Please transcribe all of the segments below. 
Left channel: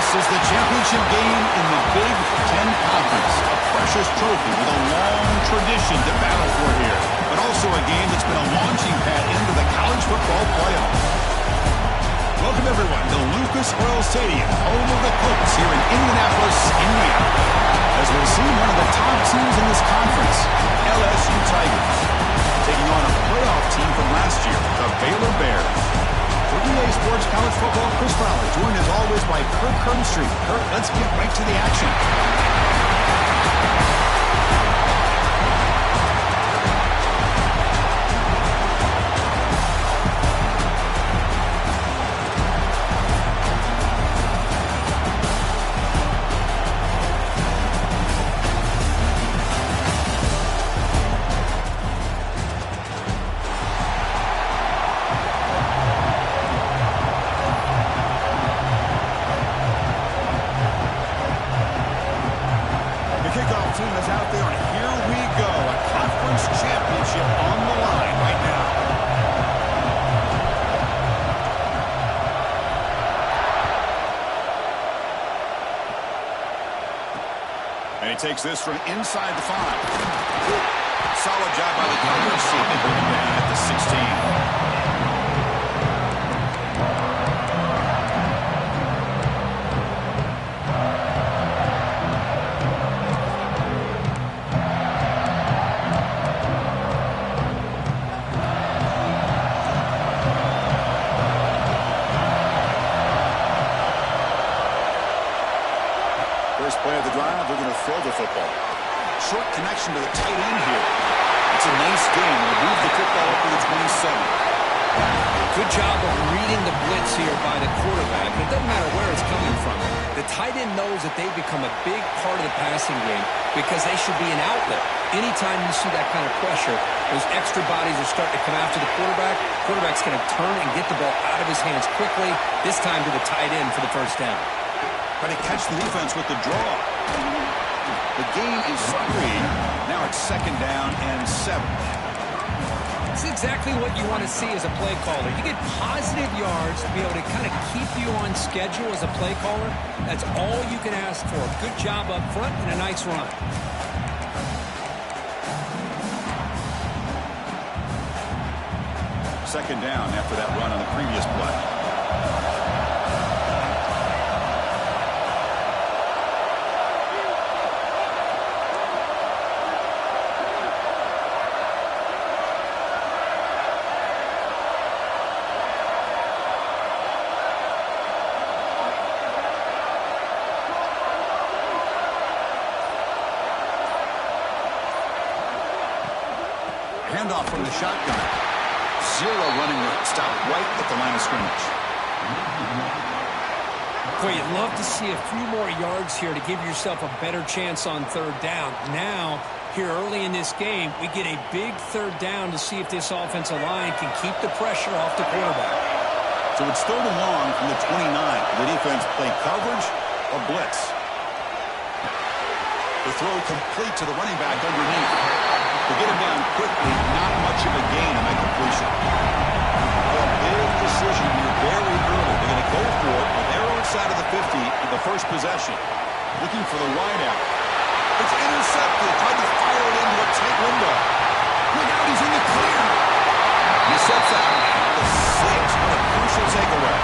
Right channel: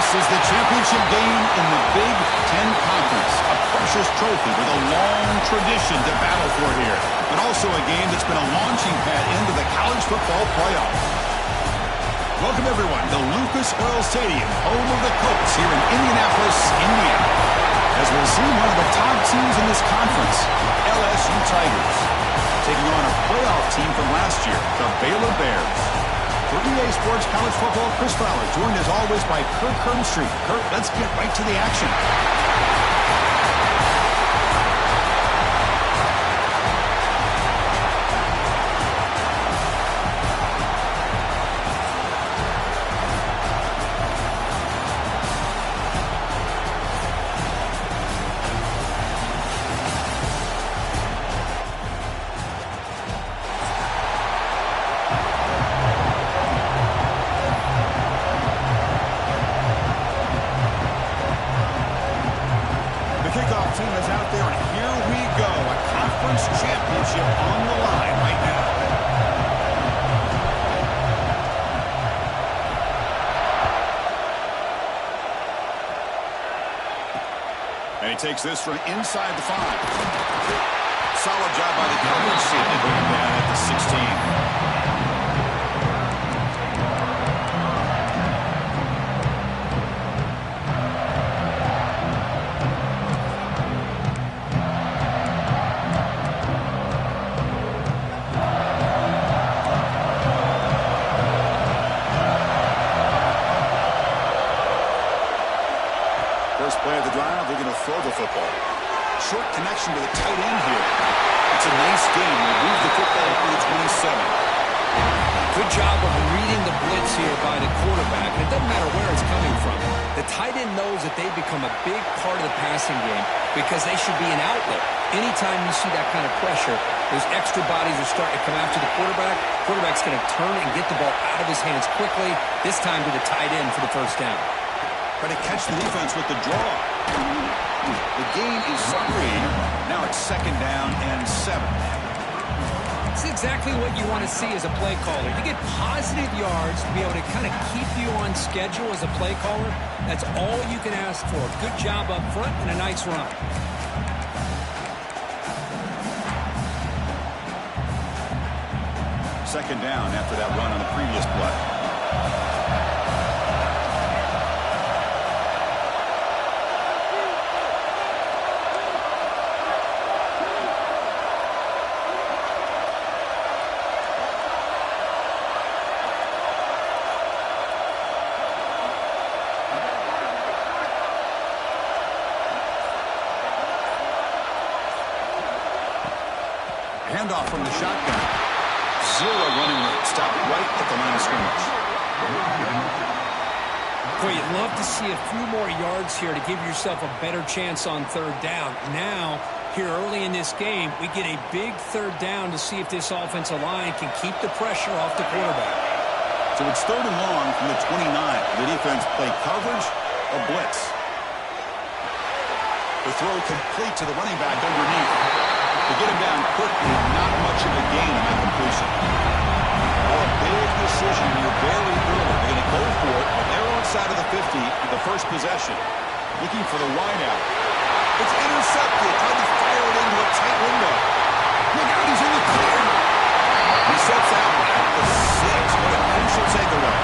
This is the championship game in the Big Ten Conference. A precious trophy with a long tradition to battle for here. But also a game that's been a launching pad into the college football playoff. Welcome, everyone, to Lucas Oil Stadium, home of the Colts here in Indianapolis, Indiana. As we'll see one of the top teams in this conference, LSU Tigers, taking on a playoff team from last year, the Baylor Bears. For EA Sports College Football, Chris Fowler, joined as always by Kirk Herbstreit. Kirk, let's get right to the action. Kickoff team is out there, and here we go. A conference championship on the line right now. And he takes this from inside the 5. Solid job by the coverage team. They bring him down at the 16. First play of the drive, they're going to throw the football. Short connection to the tight end here. It's a nice game. We'll move the football up to the 27. Good job of reading the blitz here by the quarterback. It doesn't matter where it's coming from. The tight end knows that they've become a big part of the passing game because they should be an outlet. Anytime you see that kind of pressure, those extra bodies are starting to come after the quarterback. Quarterback's going to turn and get the ball out of his hands quickly, this time to the tight end for the first down. Trying to catch the defense with the draw. The gain is 3. Now it's 2nd down and 7. It's exactly what you want to see as a play caller. You get positive yards to be able to kind of keep you on schedule as a play caller. That's all you can ask for. Good job up front and a nice run. Second down after that run on the previous play. Handoff from the shotgun. 0 running room. Stop right at the line of scrimmage. Boy, you'd love to see a few more yards here to give yourself a better chance on 3rd down. Now, here early in this game, we get a big 3rd down to see if this offensive line can keep the pressure off the quarterback. So it's 3rd and long from the 29. The defense play coverage or blitz. The throw complete to the running back underneath. To get him down quickly, not much of a gain on that completion. Oh, a big decision here very early. They're going to go for it on their own side of the 50 on the first possession. Looking for the wideout. It's intercepted. Tried to fire it into a tight window. Look out, he's in the clear. He sets out at the 6. What a crucial takeaway.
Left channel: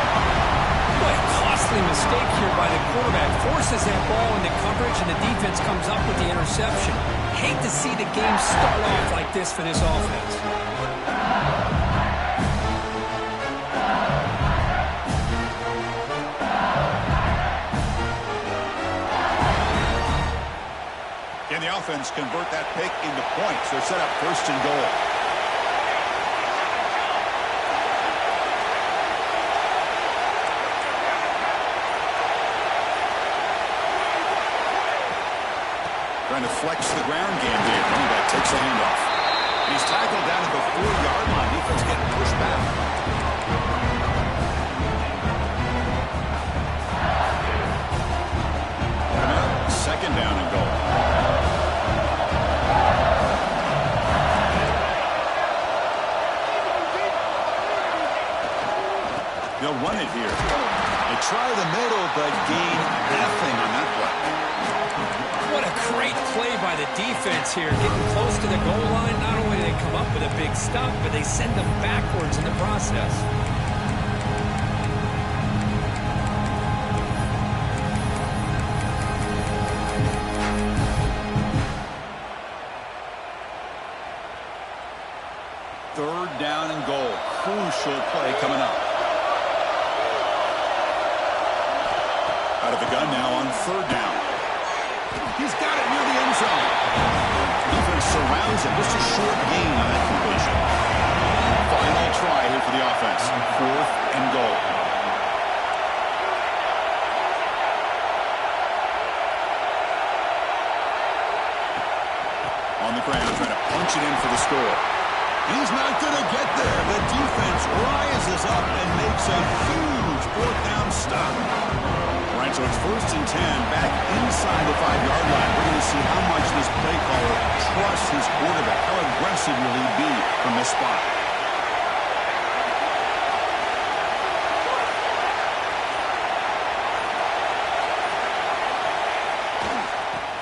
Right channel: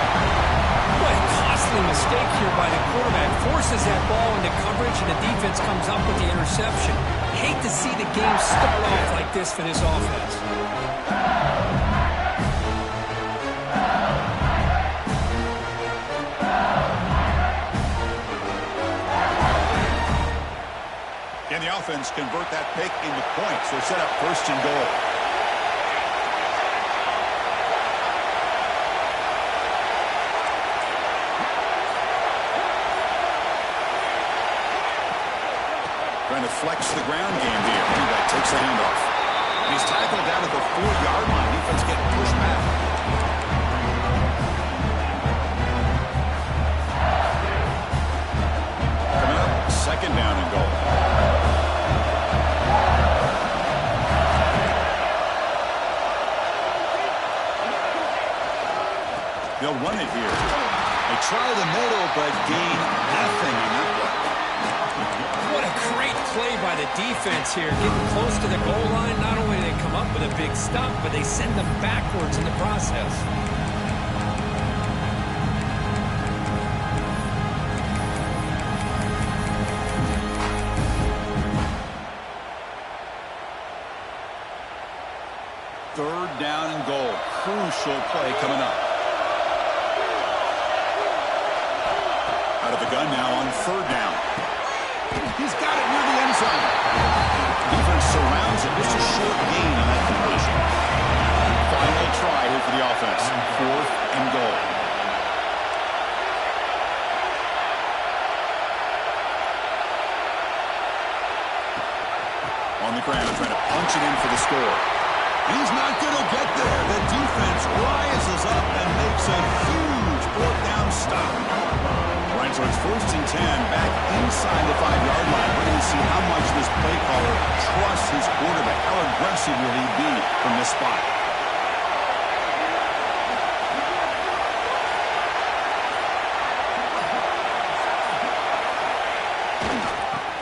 What a costly mistake here by the quarterback. Forces that ball into coverage, and the defense comes up with the interception. Hate to see the game start off like this for this offense. Can the offense convert that pick into points? They're set up 1st and goal. Trying to flex the ground game here. Running back takes a handoff. And he's tackled down at the 4-yard line. Defense getting pushed back. Coming up, 2nd down and goal. They'll run it here. They try the middle, but gain nothing on that play. What a great play by the defense here. Getting close to the goal line, not only do they come up with a big stop, but they send them backwards in the process. Third down and goal. Crucial play coming up. Out of the gun now on third down. He's got it near the end zone. Defense surrounds him. Just a short gain on that completion. Final try here for the offense. Fourth and goal. On the ground, trying to punch it in for the score. He's not going to get there. The defense rises up and makes a huge fourth down stop. All right, so it's 1st and 10 back inside the 5-yard line. We're going to see how much this play caller trusts his quarterback. How aggressive will he be from this spot?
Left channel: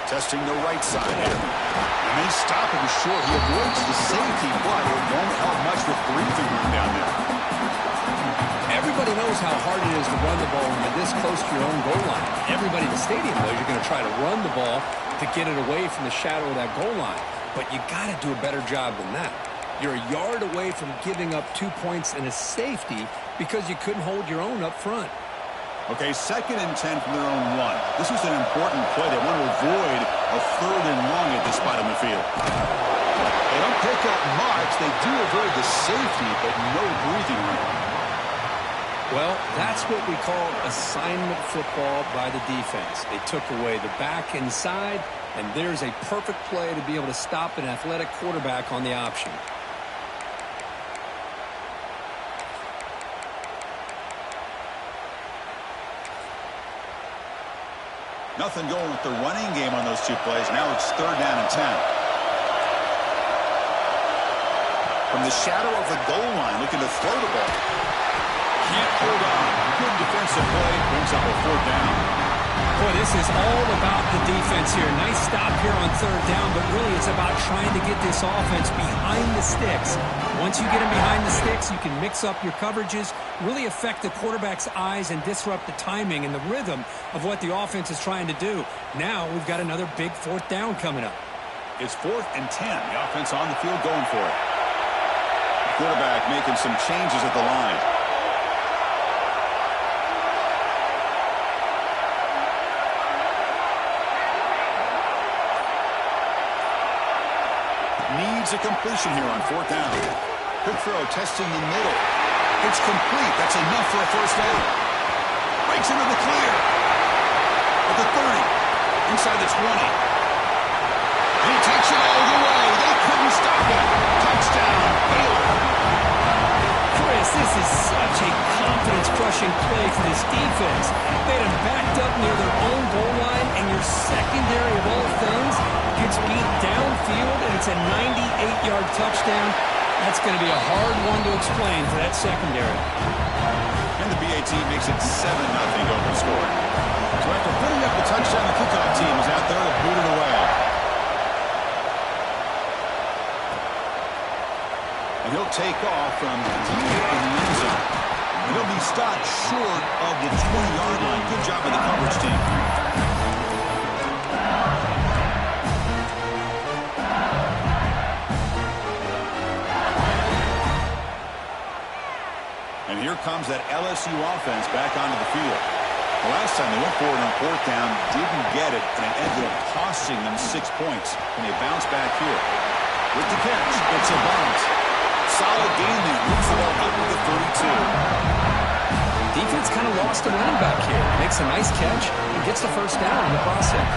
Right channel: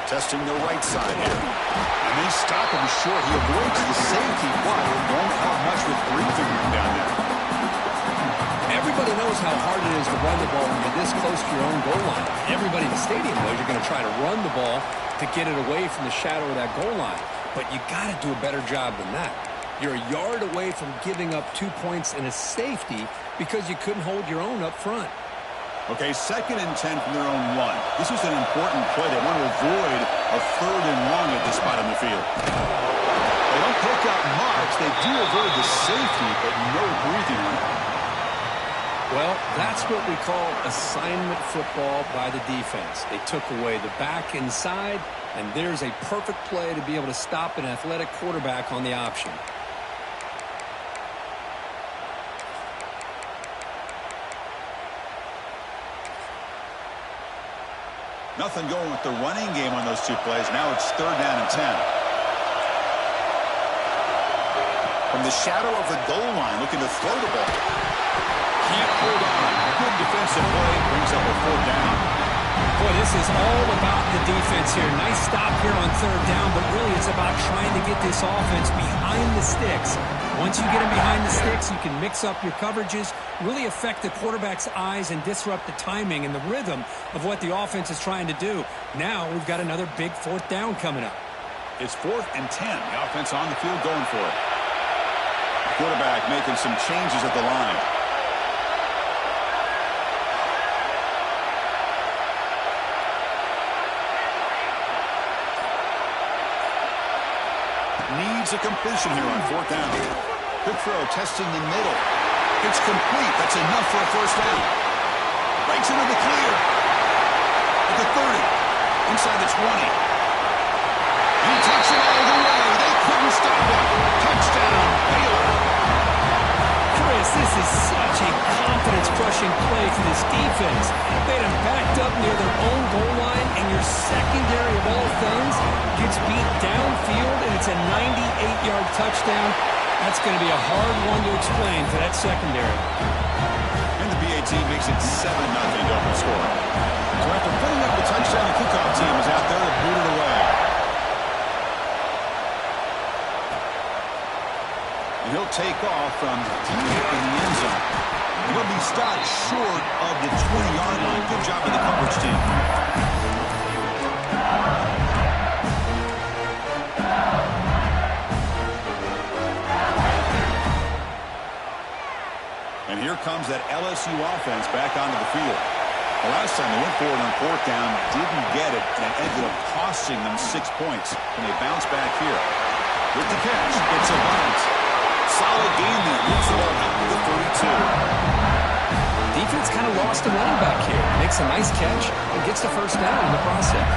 Testing the right side here. And they stop him short. He avoids the safety, but it won't help much with breathing room down there. Everybody knows how hard it is to run the ball when you're this close to your own goal line. Everybody in the stadium knows you're going to try to run the ball to get it away from the shadow of that goal line. But you got to do a better job than that. You're a yard away from giving up 2 points and a safety because you couldn't hold your own up front. Okay, 2nd and 10 from their own 1. This was an important play. They want to avoid a 3rd and long at this spot on the field. They don't pick up much. They do avoid the safety, but no breathing room. Well, that's what we call assignment football by the defense. They took away the back inside, and there's a perfect play to be able to stop an athletic quarterback on the option. Nothing going with the running game on those 2 plays. Now it's 3rd down and 10. From the shadow of the goal line, looking to throw the ball. Can't hold on. Good defensive play. Brings up a 4th down. Boy, this is all about the defense here. Nice stop here on 3rd down, but really it's about trying to get this offense behind the sticks. Once you get them behind the sticks, you can mix up your coverages, really affect the quarterback's eyes and disrupt the timing and the rhythm of what the offense is trying to do. Now we've got another big 4th down coming up. It's 4th and 10. The offense on the field going for it. The quarterback making some changes at the line. Needs a completion here on 4th down. Good throw, testing the middle. It's complete. That's enough for a 1st down. Breaks into the clear. At the 30. Inside the 20. And he takes it all the way. They couldn't stop him. Touchdown, Baylor. Chris, this is such a confidence-crushing play for this defense. They had him backed up near their own goal line, and your secondary of all things gets beat downfield, and it's a 98-yard touchdown. That's going to be a hard one to explain for that secondary. And the BA team makes it 7-0 to open scoring. So after putting up the touchdown, the kickoff team is out there to boot it away. And he'll take off from deep in the end zone. And he'll be stopped short of the 20-yard line. Good job of the coverage team. And here comes that LSU offense back onto the field. The last time they went forward on 4th down, didn't get it, and it ended up costing them 6 points. And they bounce back here. With the catch, it's a bunt. Solid gain there. Moves the ball up to the 32. Defense kind of lost a running back here. Makes a nice catch and gets the 1st down in the process.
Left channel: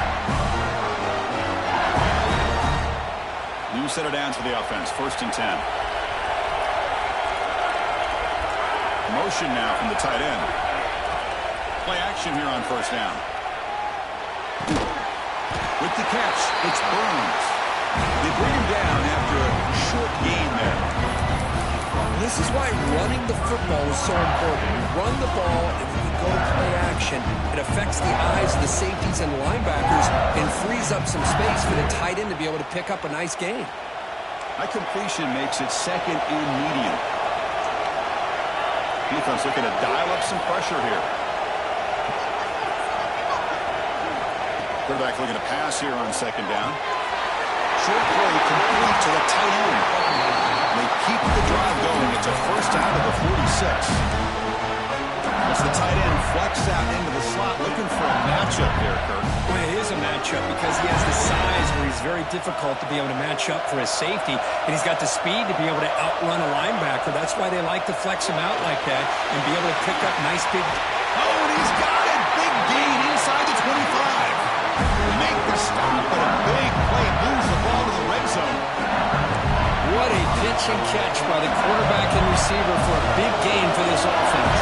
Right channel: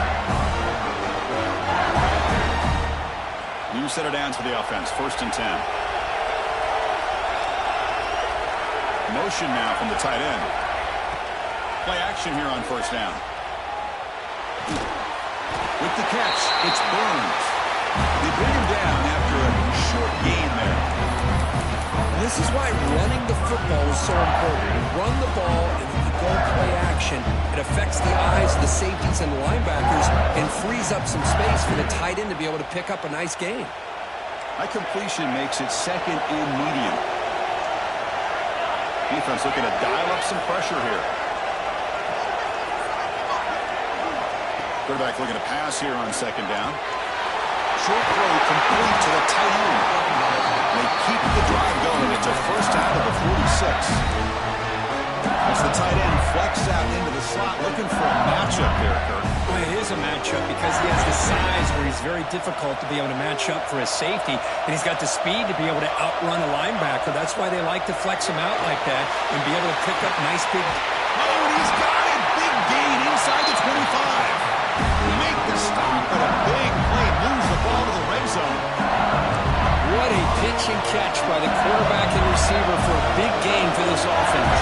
New set of downs for the offense. 1st and 10. Motion now from the tight end. Play action here on 1st down. With the catch, it's Burns. They bring him down after a short gain there. This is why running the football is so important. You run the ball, and when you go play action, it affects the eyes of the safeties and the linebackers and frees up some space for the tight end to be able to pick up a nice gain. That completion makes it second and medium. Defense looking to dial up some pressure here. Quarterback looking to pass here on second down. Short throw complete to the tight end. They keep the drive going. It's a first out of the 46. As the tight end flex out into the slot, looking for a matchup there, Kirk. Well, it is a matchup because he has the size where he's very difficult to be able to match up for his safety, and he's got the speed to be able to outrun a linebacker. That's why they like to flex him out like that and be able to pick up nice big... Oh, and he's got it! Big gain inside the 25. They make the stop, but a big play moves the ball to the red zone. What a pitch and catch by the quarterback and receiver for a big gain for this offense.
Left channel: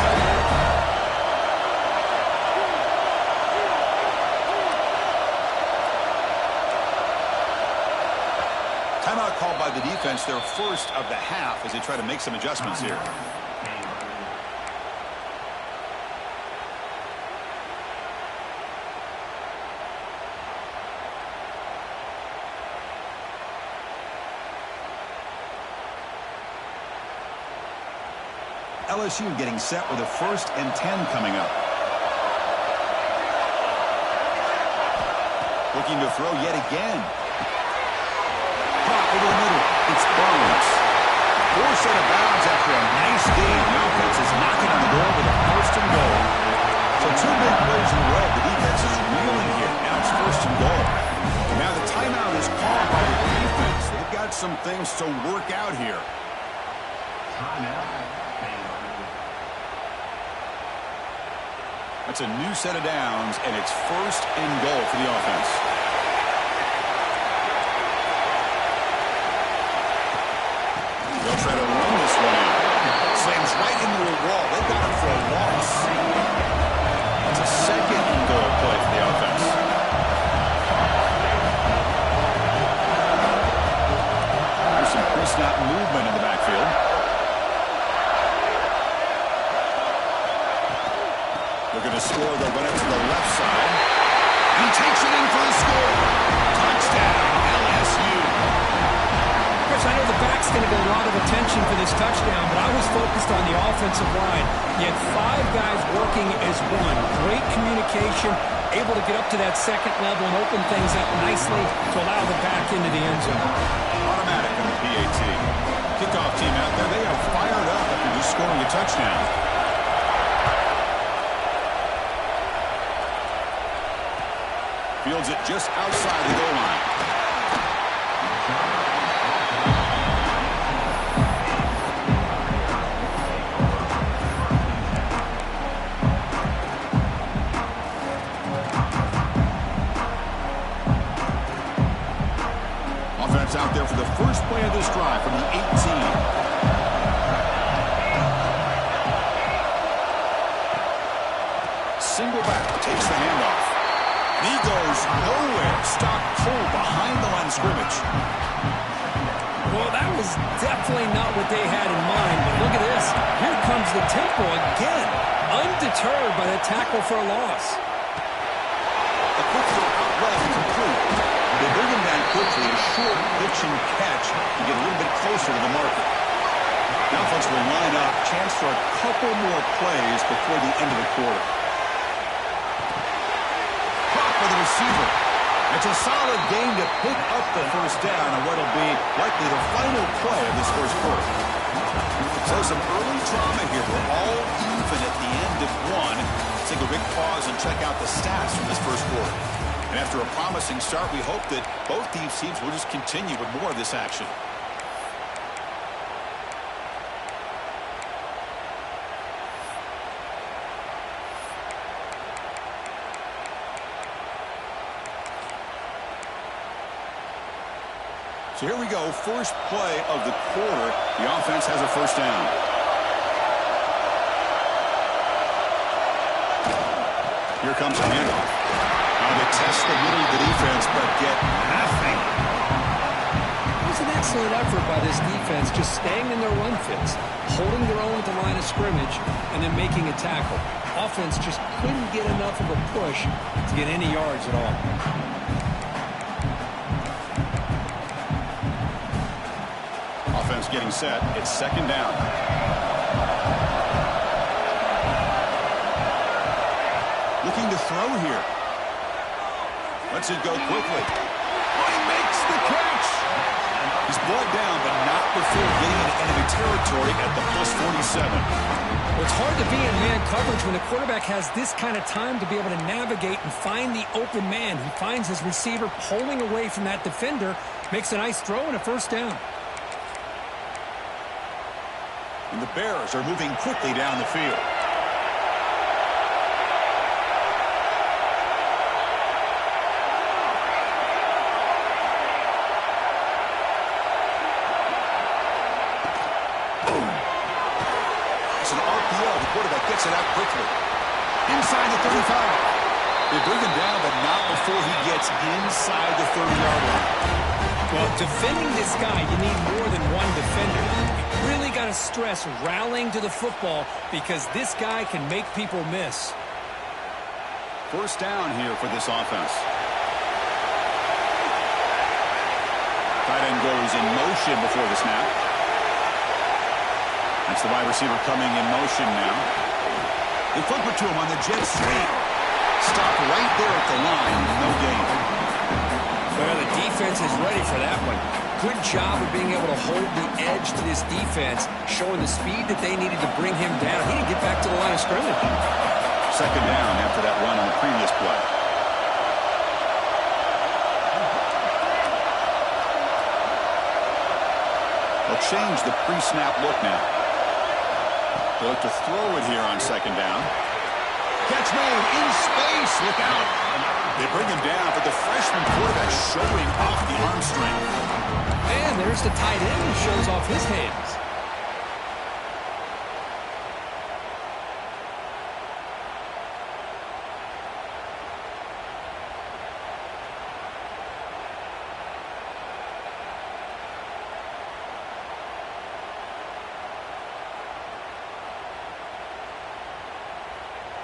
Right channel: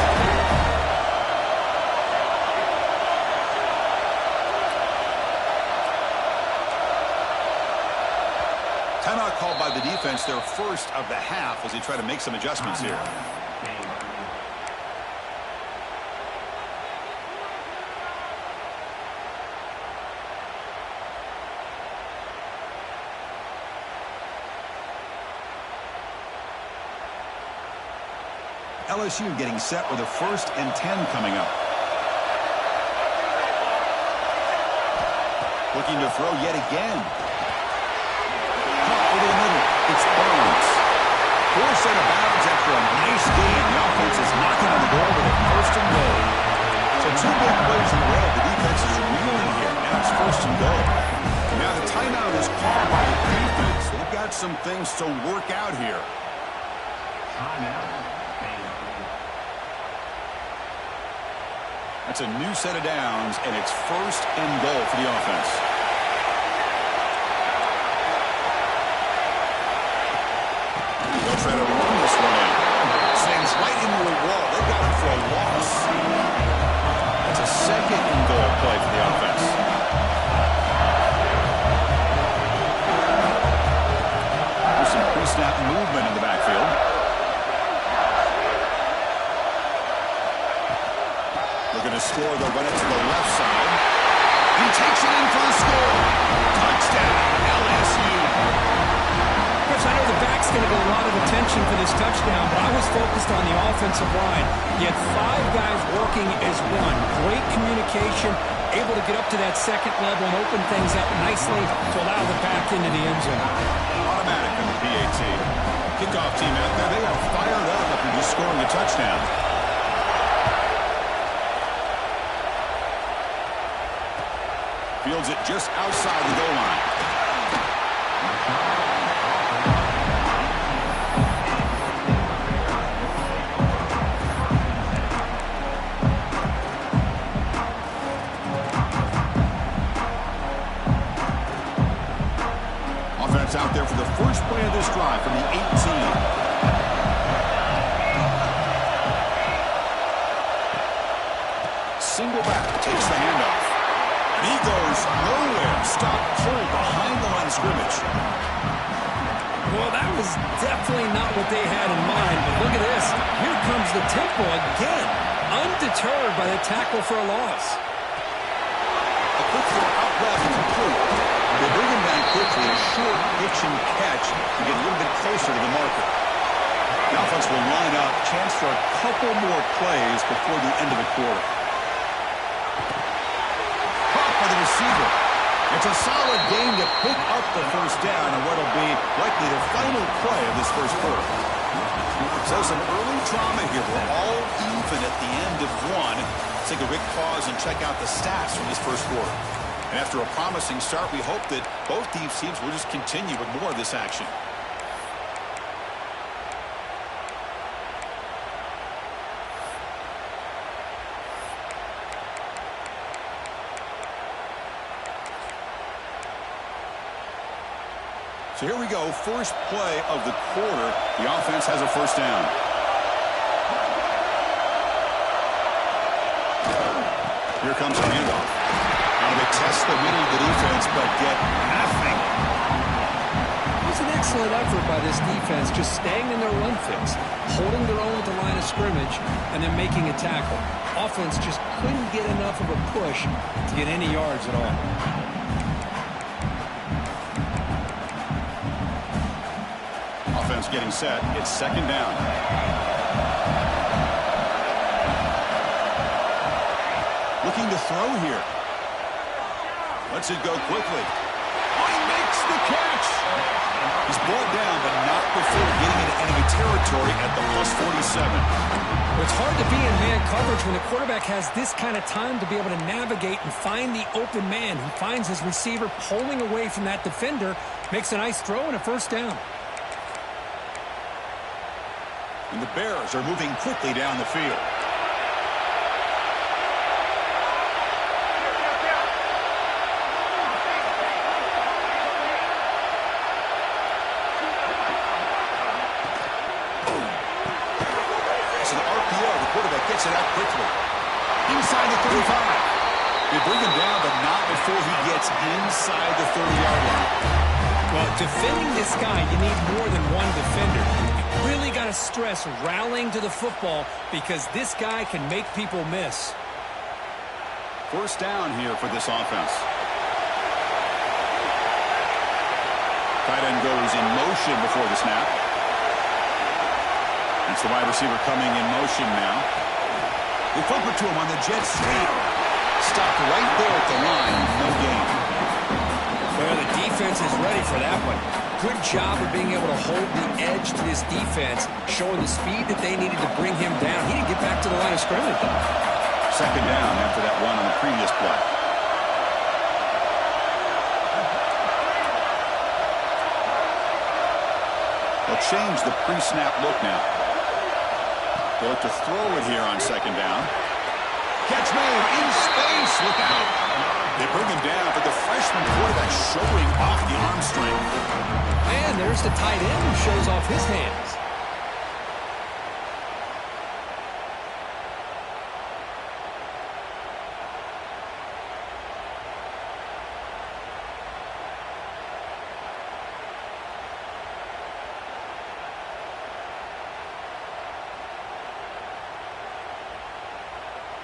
Timeout called by the defense, their first of the half, as they try to make some adjustments here. LSU getting set with a 1st and 10 coming up. Looking to throw yet again. Caught over the middle. It's Burns. Forced out of bounds after a nice gain. The offense is knocking on the door with a 1st and goal. So 2 big plays in a row. The defense is reeling here. Now it's 1st and goal. Now the timeout is called by the defense. They've got some things to work out here. Timeout. That's a new set of downs, and it's 1st and goal for the offense. They'll try to run this one in. Slams right into a wall. They got it for a loss. That's a 2nd and goal play for the offense. There's some pre-snap movement in the backfield. Looking to score, they'll run it to the left side. He takes it in for the score. Touchdown, LSU. Chris, I know the back's going to get a lot of attention for this touchdown, but I was focused on the offensive line. You had 5 guys working as one. Great communication, able to get up to that 2nd level and open things up nicely to allow the back into the end zone. Automatic on the PAT. Kickoff team out there, they are fired up after just scoring a touchdown. Fields it just outside the goal line. Offense out there for the first play of this drive from the 18. Single back takes the handoff. And he goes nowhere. Stopped cold behind the line of scrimmage. Well, that was definitely not what they had in mind, but look at this. Here comes the tempo again. Undeterred by the tackle for a loss. A quick throw out left, complete. They bring him down quickly. A short pitch and catch to get a little bit closer to the marker. The offense will line up. Chance for a couple more plays before the end of the quarter. For the receiver. It's a solid game to pick up the 1st down on what will be likely the final play of this 1st quarter. So some early drama here. We're all even at the end of 1. Let's take a quick pause and check out the stats from this 1st quarter. And after a promising start, we hope that both these teams will just continue with more of this action. So here we go, first play of the quarter. The offense has a 1st down. Here comes a handoff. Now they test the middle of the defense, but get nothing. was an excellent effort by this defense, just staying in their run fits, holding their own at the line of scrimmage, and then making a tackle. Offense just couldn't get enough of a push to get any yards at all. Offense getting set. It's second down. Looking to throw here. Lets it go quickly. Oh, he makes the catch. He's brought down, but not before getting into enemy territory at the plus 47. Well, it's hard to be in man coverage when the quarterback has this kind of time to be able to navigate and find the open man. He finds his receiver pulling away from that defender, makes a nice throw and a first down. And the Bears are moving quickly down the field. It's an RPO. The quarterback gets it out quickly. Inside the 35. They bring him down, but not before he gets inside the 30-yard line. Well, defending this guy, you need more than one defender. You really got to stress rallying to the football because this guy can make people miss. First down here for this offense. Tight end goes in motion before the snap. That's the wide receiver coming in motion now. They flip it to him on the jet sweep. Stopped right there at the line. No gain. Well, the defense is ready for that one. Good job of being able to hold the edge to this defense, showing the speed that they needed to bring him down. He didn't get back to the line of scrimmage. Second down after that run on the previous play. They'll change the pre-snap look now. They look to throw it here on second down. Catch made in space. Look out. They bring him down, but the freshman quarterback showing off the arm strength. And there's the tight end who shows off his hands.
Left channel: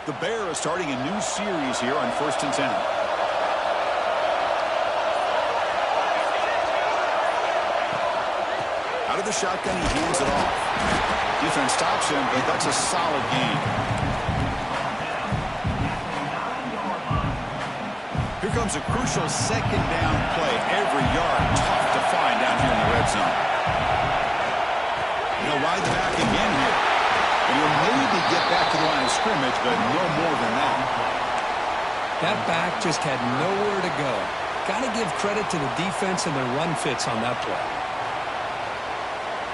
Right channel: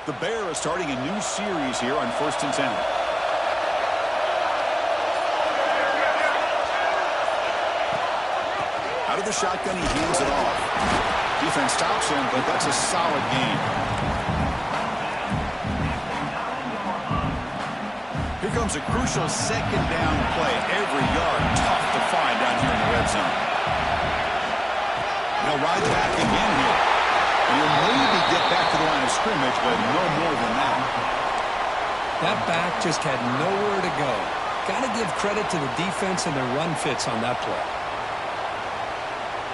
The Bears starting a new series here on 1st and 10. Out of the shotgun, he hands it off. Defense stops him, but that's a solid gain. Here comes a crucial second down play. Every yard tough to find down here in the red zone. He'll ride the back again here. And he'll maybe get back to the line of scrimmage, but no more than that. That back just had nowhere to go. Got to give credit to the defense and their run fits on that play.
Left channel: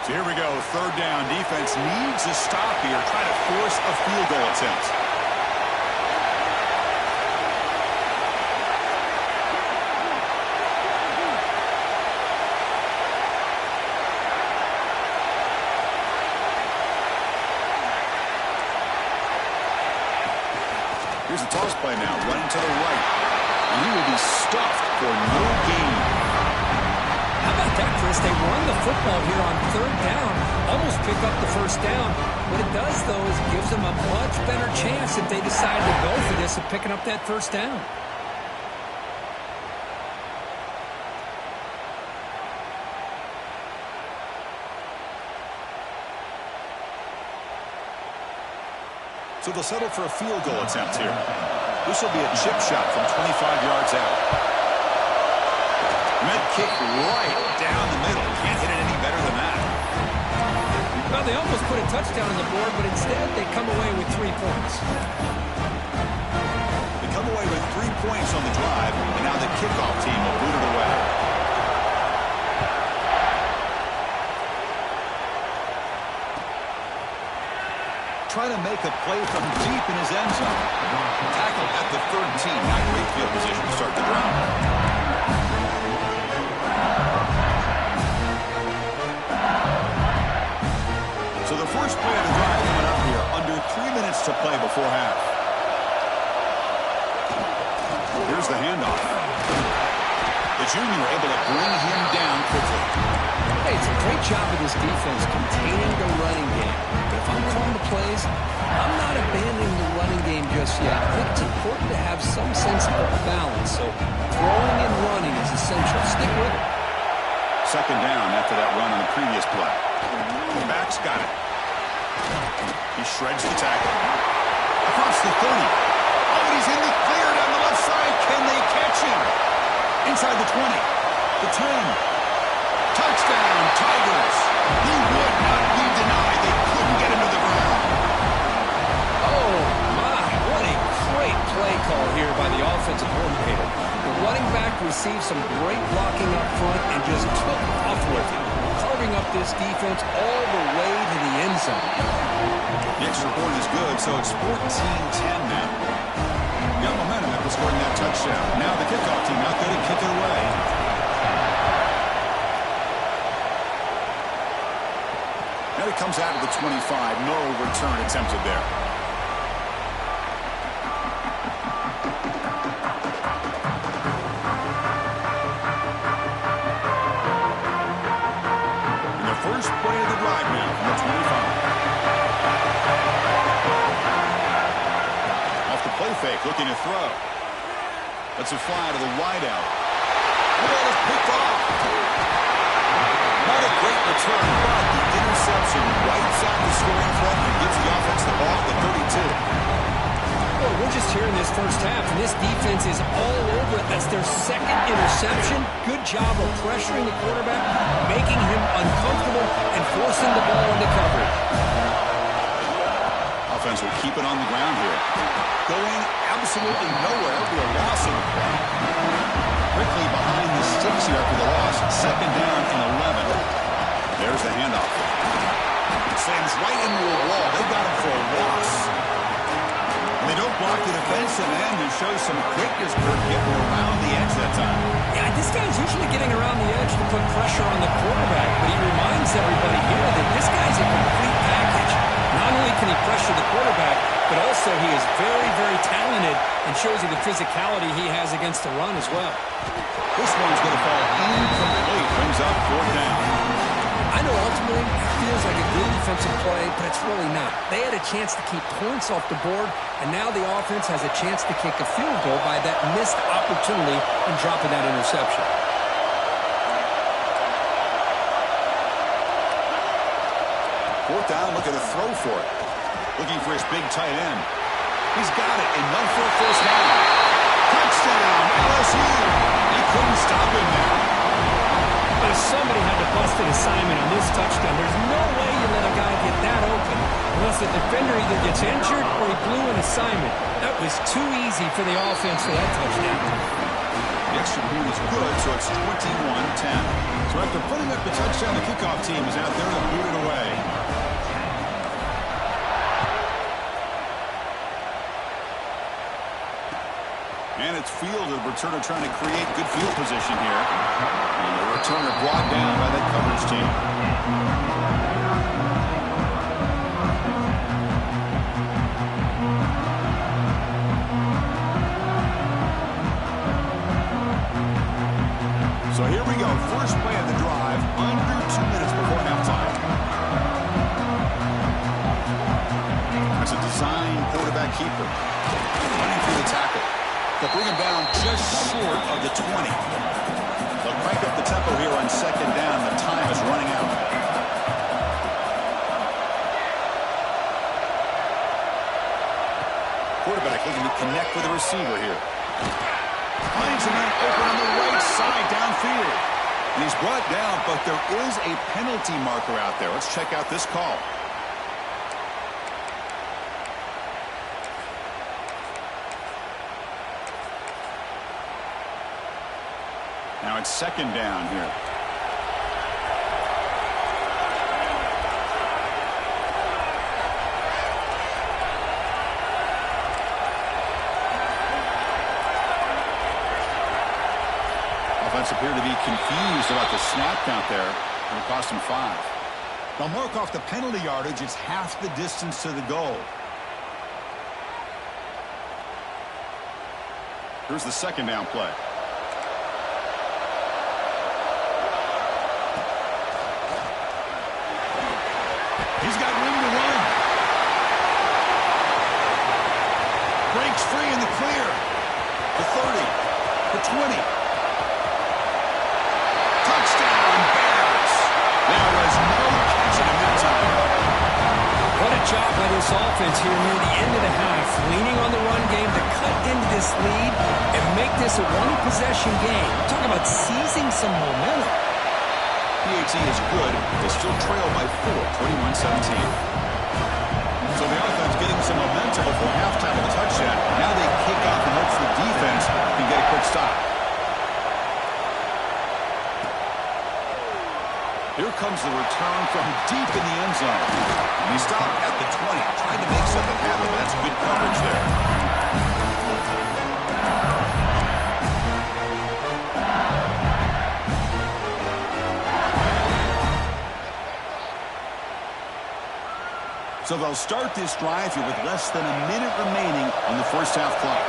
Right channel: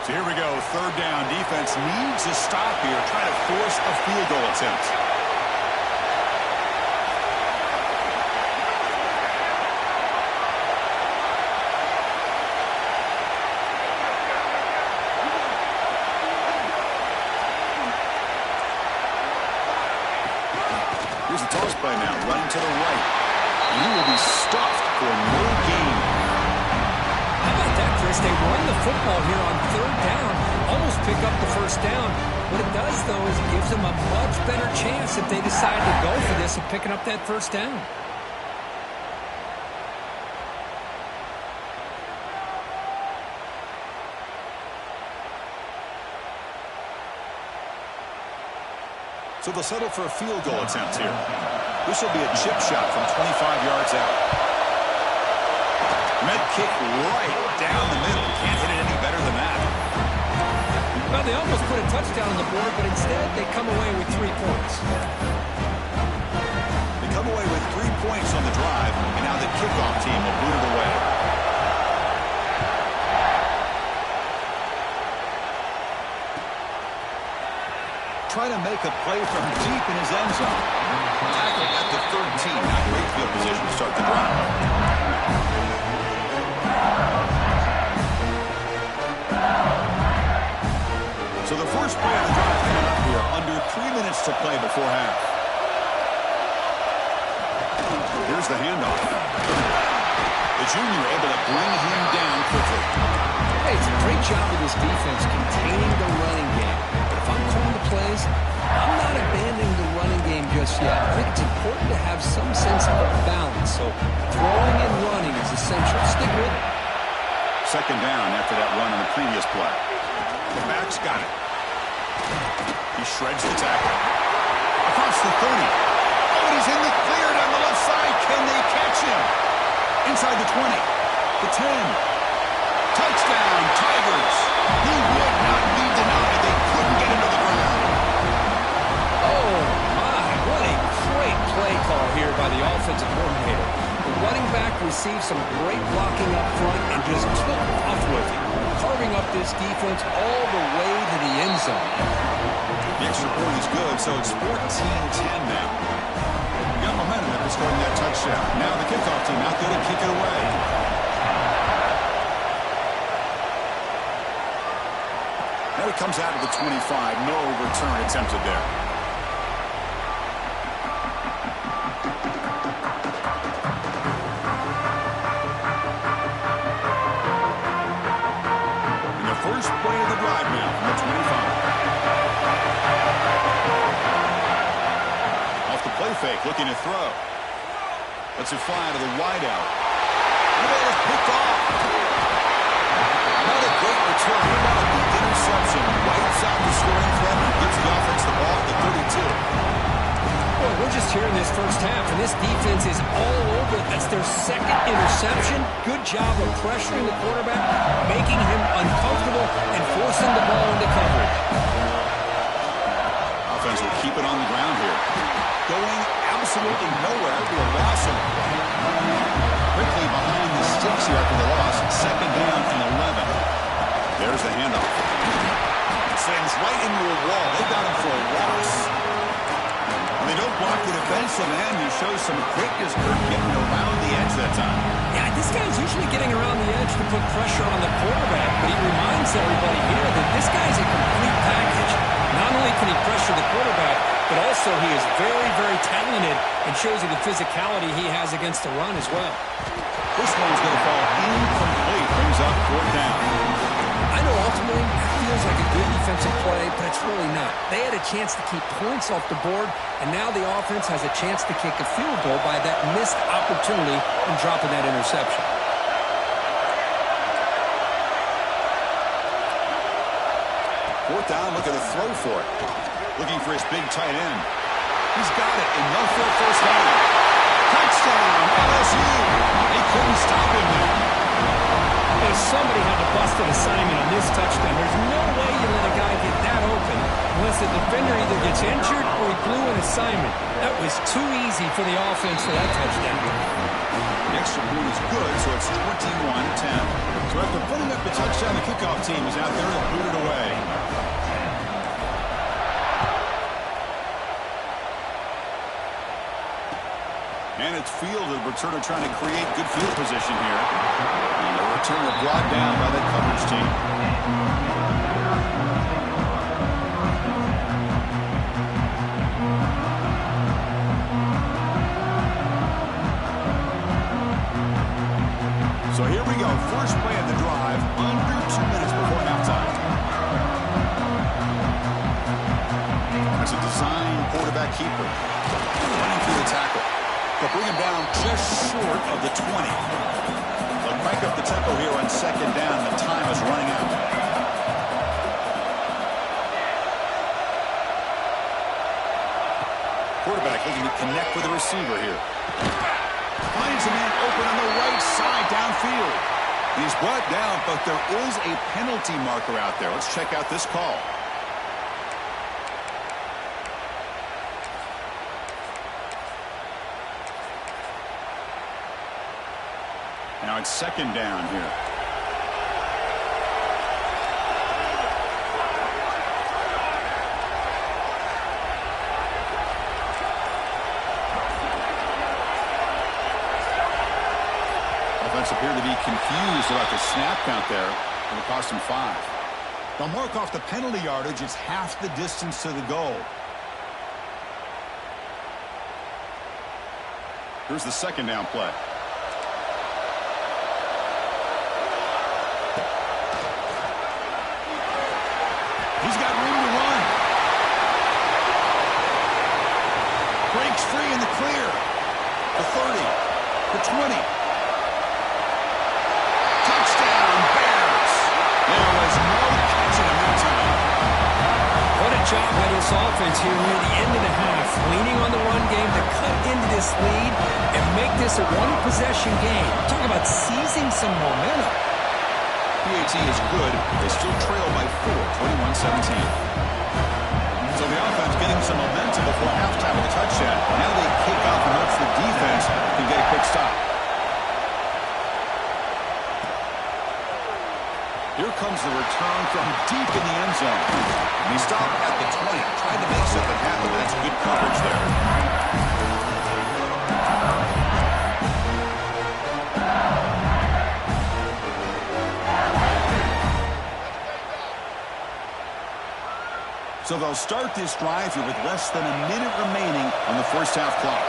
So here we go, third down. Defense needs a stop here, try to force a field goal attempt. Here's the toss play now, running to the right. And he will be stuffed for no gain. How about that, Chris? They run the football here on third down, almost pick up the first down. What it does, though, is it gives them a much better chance if they decide to go for this of picking up that first down. So they'll settle for a field goal attempt here. This will be a chip shot from 25 yards out. Met kick right down the middle. Can't hit it any better than that. Well, they almost put a touchdown on the board, but instead they come away with 3 points. They come away with 3 points on the drive, and now the kickoff team will boot it away. Trying to make a play from deep in his end zone. Tackled at the 13. Not great field position to start the drive. So the first play of the drive coming up here. Under 3 minutes to play before half. Here's the handoff. The junior able to bring him down quickly. Hey, it's a great job of this defense containing the running game. But if I'm calling the plays, I'm not abandoning the running game just yet. I think it's important to have some sense of balance. So throwing and running is essential. Stick with it. Second down after that run on the previous play. The back's got it. He shreds the tackle. Across the 30. Oh, and he's in the clear down the left side. Can they catch him? Inside the 20. The 10. Touchdown, Tigers. He would not be denied. They couldn't get him to the ground. Oh, my. What a great play call here by the offensive coordinator. The running back received some great blocking up front and just took off with it, carving up this defense all the way to the end zone. The extra point is good, so it's 14-10 now. Got momentum after scoring that touchdown. Now the kickoff team out there to kick it away. And it comes out of the 25. No return attempted there. First play of the drive now from the 25. Off the play fake, looking to throw. Lets it fly to the wideout. The ball is picked off. Not a great return, but the interception wipes out the scoring threat and gives the offense the ball at the 32. Boy, we're just here in this first half, and this defense is all over it. That's their second interception. Good job of pressuring the quarterback, making him uncomfortable, and forcing the ball into coverage. Offense will keep it on the ground here. Going absolutely nowhere. It'll be a loss on the play. Quickly behind the sticks here after the loss. Second down and 11. There's the handoff. Slams right into a wall. They got him for a loss. They don't block the defensive end, who shows some quickness, Kirk, getting around the edge that time. Yeah, this guy's usually getting around the edge to put pressure on the quarterback, but he reminds everybody here that this guy's a complete package. Not only can he pressure the quarterback, but also he is very, very talented and shows you the physicality he has against the run as well. This one's going to fall incomplete. Brings up fourth down. I know ultimately that feels like a good defensive play, but it's really not. They had a chance to keep points off the board, and now the offense has a chance to kick a field goal by that missed opportunity in dropping that interception. Fourth down, look at the throw for it. Looking for his big tight end. He's got it, enough for a first down. Touchdown, LSU. They couldn't stop him there. But if somebody had to bust an assignment on this touchdown, there's no way you let a guy get that open unless the defender either gets injured or he blew an assignment. That was too easy for the offense for that touchdown. The extra point is good, so it's 21-10. So after putting up the touchdown, the kickoff team is out there to boot it away. And it's fielded. Returner trying to create good field position here. And the returner brought down by that coverage team. So here we go. First play of the drive, under 2 minutes before halftime. That's a design quarterback keeper. Running through the tackle. They'll bring him down just short of the 20. They'll crank up the tempo here on second down. The time is running out. Quarterback looking to connect with the receiver here. Finds a man open on the right side downfield. And he's brought down, but there is a penalty marker out there. Let's check out this call. Now it's second down here. Offense appeared to be confused about the snap count there, and it cost him 5. They'll mark off the penalty yardage. It's half the distance to the goal. Here's the second down play. He's got room to run. Breaks free in the clear. The 30. The 20. Touchdown, Bears. There was no catching him that time. What a job by this offense here near the end of the half, leaning on the run game to cut into this lead and make this a one-possession game. Talk about seizing some momentum. PAT is good. They still trail by 4, 21-17. So the offense getting some momentum before halftime with a touchdown. Now they kick off and hope the defense can get a quick stop. Here comes the return from deep in the end zone. And he stopped at the 20, trying to make something happen, but that's good coverage there. So they'll start this drive here with less than a minute remaining on the first half clock.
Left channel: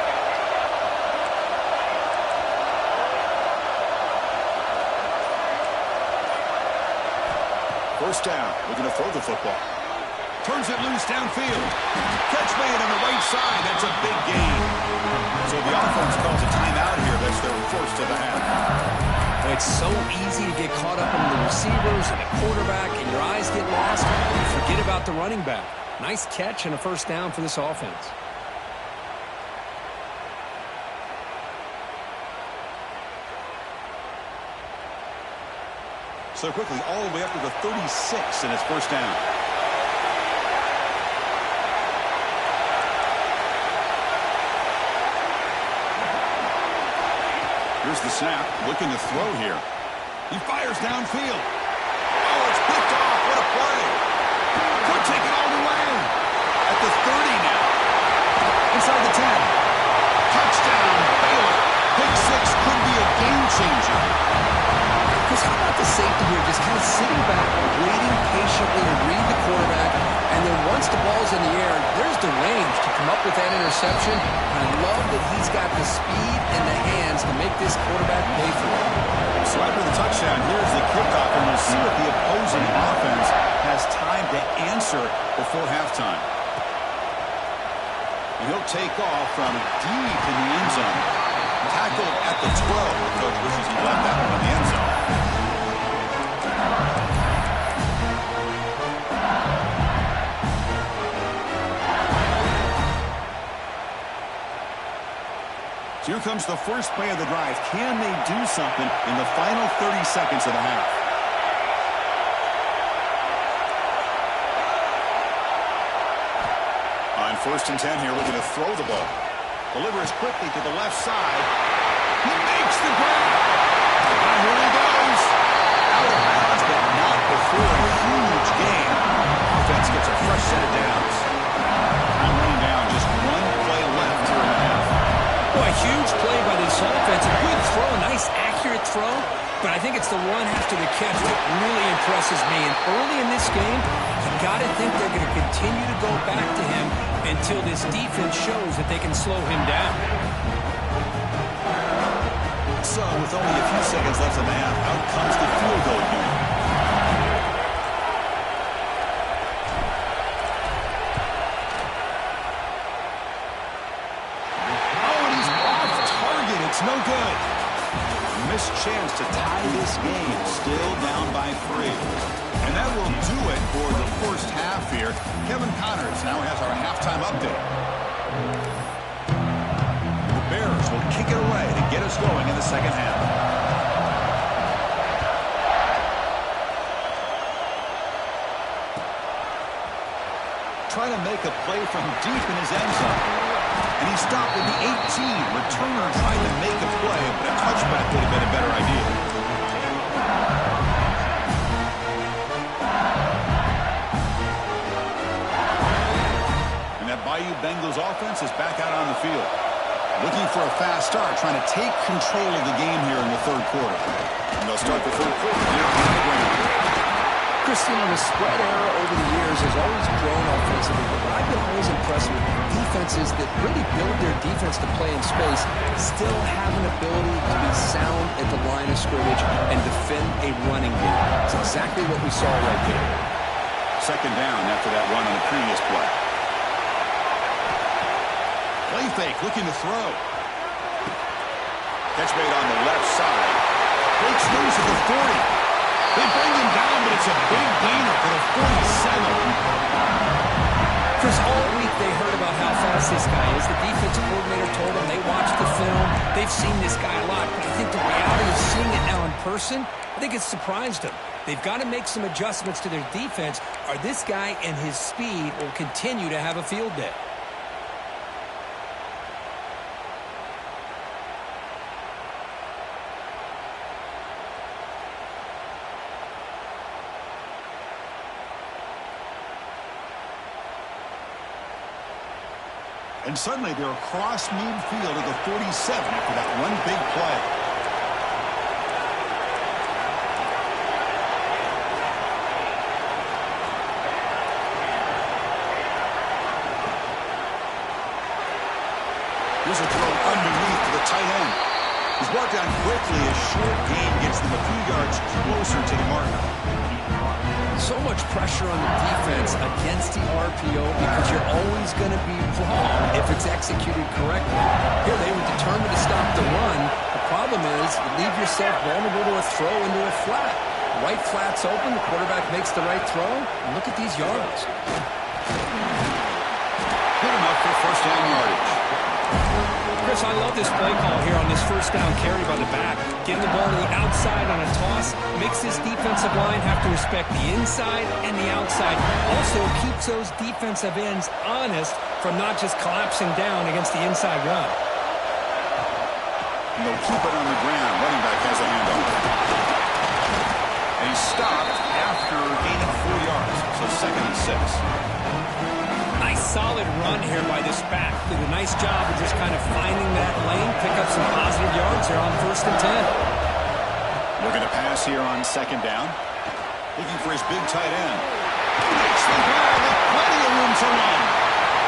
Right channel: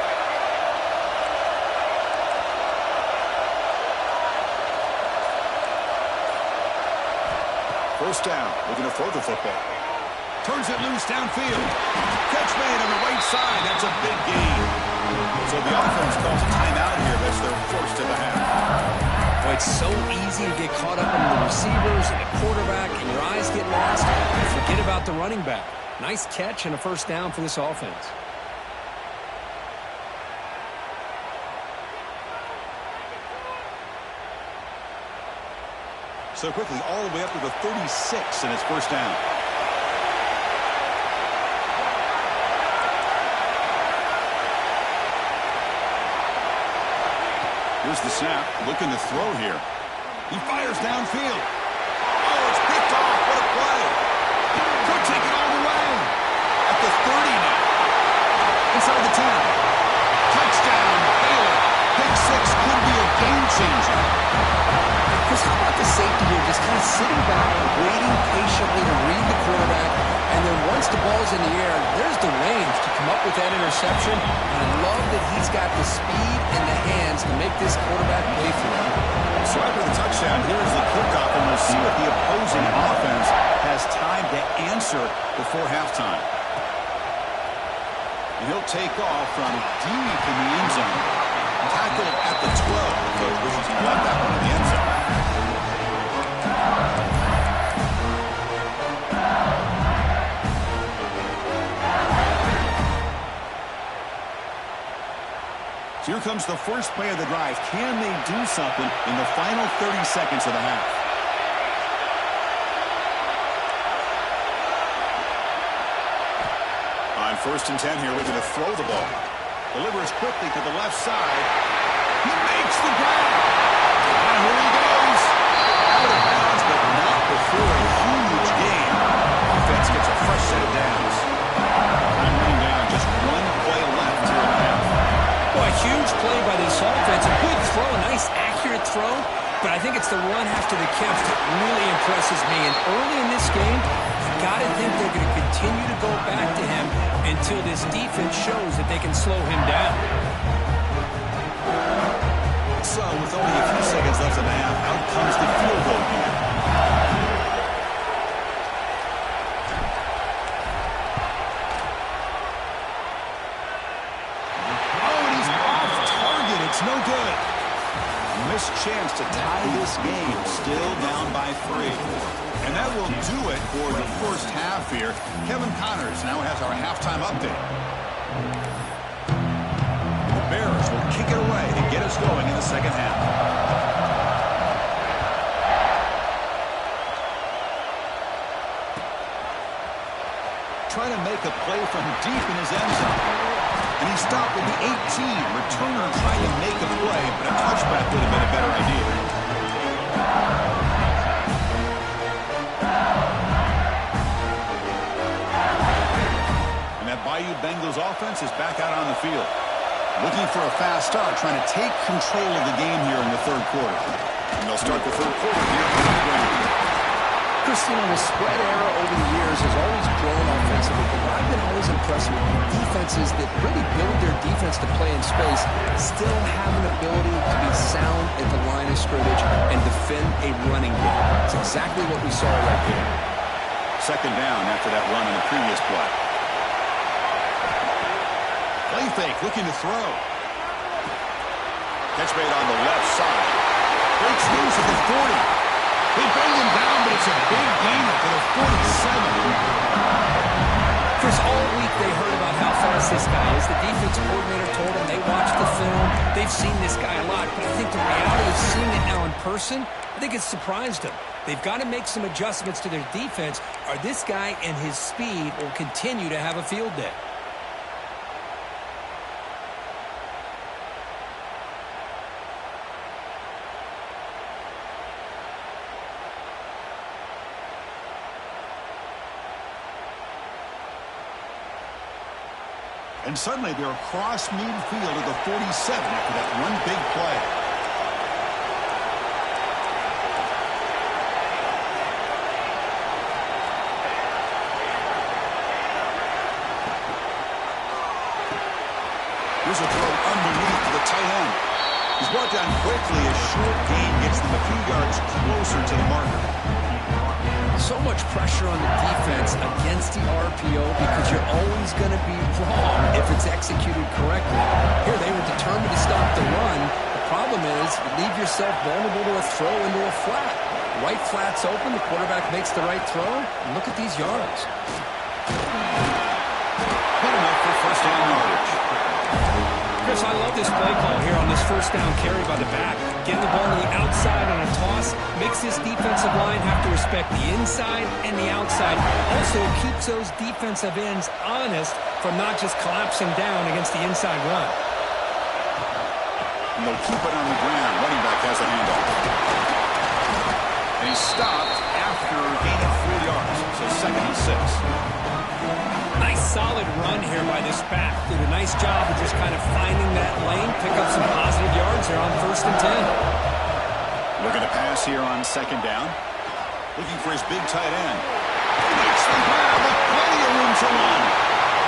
First down, looking to throw the football. Turns it loose downfield. Catch made on the right side. That's a big gain. So the offense calls a timeout here. That's their first of the half. Boy, it's so easy to get caught up in the receivers and the quarterback, and your eyes get lost. You forget about the running back. Nice catch and a first down for this offense. So quickly, all the way up to the 36, and it's first down. Here's the snap, looking to throw here. He fires downfield. Oh, it's picked off. What a play. Could take it all the way. At the 30 now. Inside the 10. Touchdown, Baylor. Pick 6 could be a game changer. Chris, how about the safety here, just kind of sitting back, waiting patiently to read the quarterback, and then once the ball's in the air, there's the range to come up with that interception. And I love that he's got the speed and the hands to make this quarterback pay for it. So after the touchdown, here's the kickoff, and we'll see if the opposing offense has time to answer before halftime. And he'll take off from deep in the end zone. Tackled at the 12. The coach wishes he left that one in the end zone. So here comes the first play of the drive. Can they do something in the final 30 seconds of the half? On 1st and 10 here, looking to throw the ball. Delivers quickly to the left side. He makes the grab. And here he goes. Out of bounds, but not before a huge gain. Offense gets a fresh set of downs. Time running down. Just one play left here in the half. Boy, a huge play by this offense. A good throw, a nice accurate throw. But I think it's the run after the catch that really impresses me. And early in this game, you got to think they're going to continue to go back to him until this defense shows that they can slow him down. So, with only a few seconds left in the half, out comes the field goal unit. Oh, and he's off target. It's no good. Missed chance to tie this game, still down by 3. And that will do it for the first half here. Kevin Connors now has our halftime update. The Bears will kick it away to get us going in the second half. Trying to make a play from deep in his end zone. And he stopped with the 18. Returner tried to make a play, but a touchback would have been a better idea. And that Bayou Bengals offense is back out on the field. Looking for a fast start, trying to take control of the game here in the third quarter. And they'll start the third quarter here on the ground. Christine, the spread era over the years has always grown offensively, but what I've been always impressed with defenses that really build their defense to play in space still have an ability to be sound at the line of scrimmage and defend a running game. It's exactly what we saw right there. second down after that run on the previous play. Play fake, looking to throw. Catch made on the left side. Breaks loose at the 40. They bring him down, but it's a big gainer for the 47. Chris, all week they heard about how fast this guy is. The defense coordinator told them they watched the film. They've seen this guy a lot, but I think the reality of seeing it now in person, I think it's surprised them. They've got to make some adjustments to their defense, or this guy and his speed will continue to have a field day. And suddenly they're across midfield at the 47 after that one big play. Here's a throw underneath to the tight end. He's brought down quickly. A short gain gets them a few yards closer to the marker. So much pressure on the defense against the RPO because you're always going to be wrong if it's executed correctly. Here they were determined to stop the run. The problem is you leave yourself vulnerable to a throw into a flat. Right flat's open, the quarterback makes the right throw, and look at these yards. Good enough for first down yardage. Chris, I love this play call here on this first down carry by the back. Getting the ball to the outside on a toss makes this defensive line have to respect the inside and the outside. Also keeps those defensive ends honest from not just collapsing down against the inside run. And they'll keep it on the ground. Running back has the handoff. And he's stopped after gaining 4 yards. So 2nd and 6. Nice solid run here by this back. Did a nice job of just kind of finding that lane, pick up some positive yards there on 1st and 10. Looking to pass here on 2nd down. Looking for his big tight end. Makes the grab with plenty of room to run.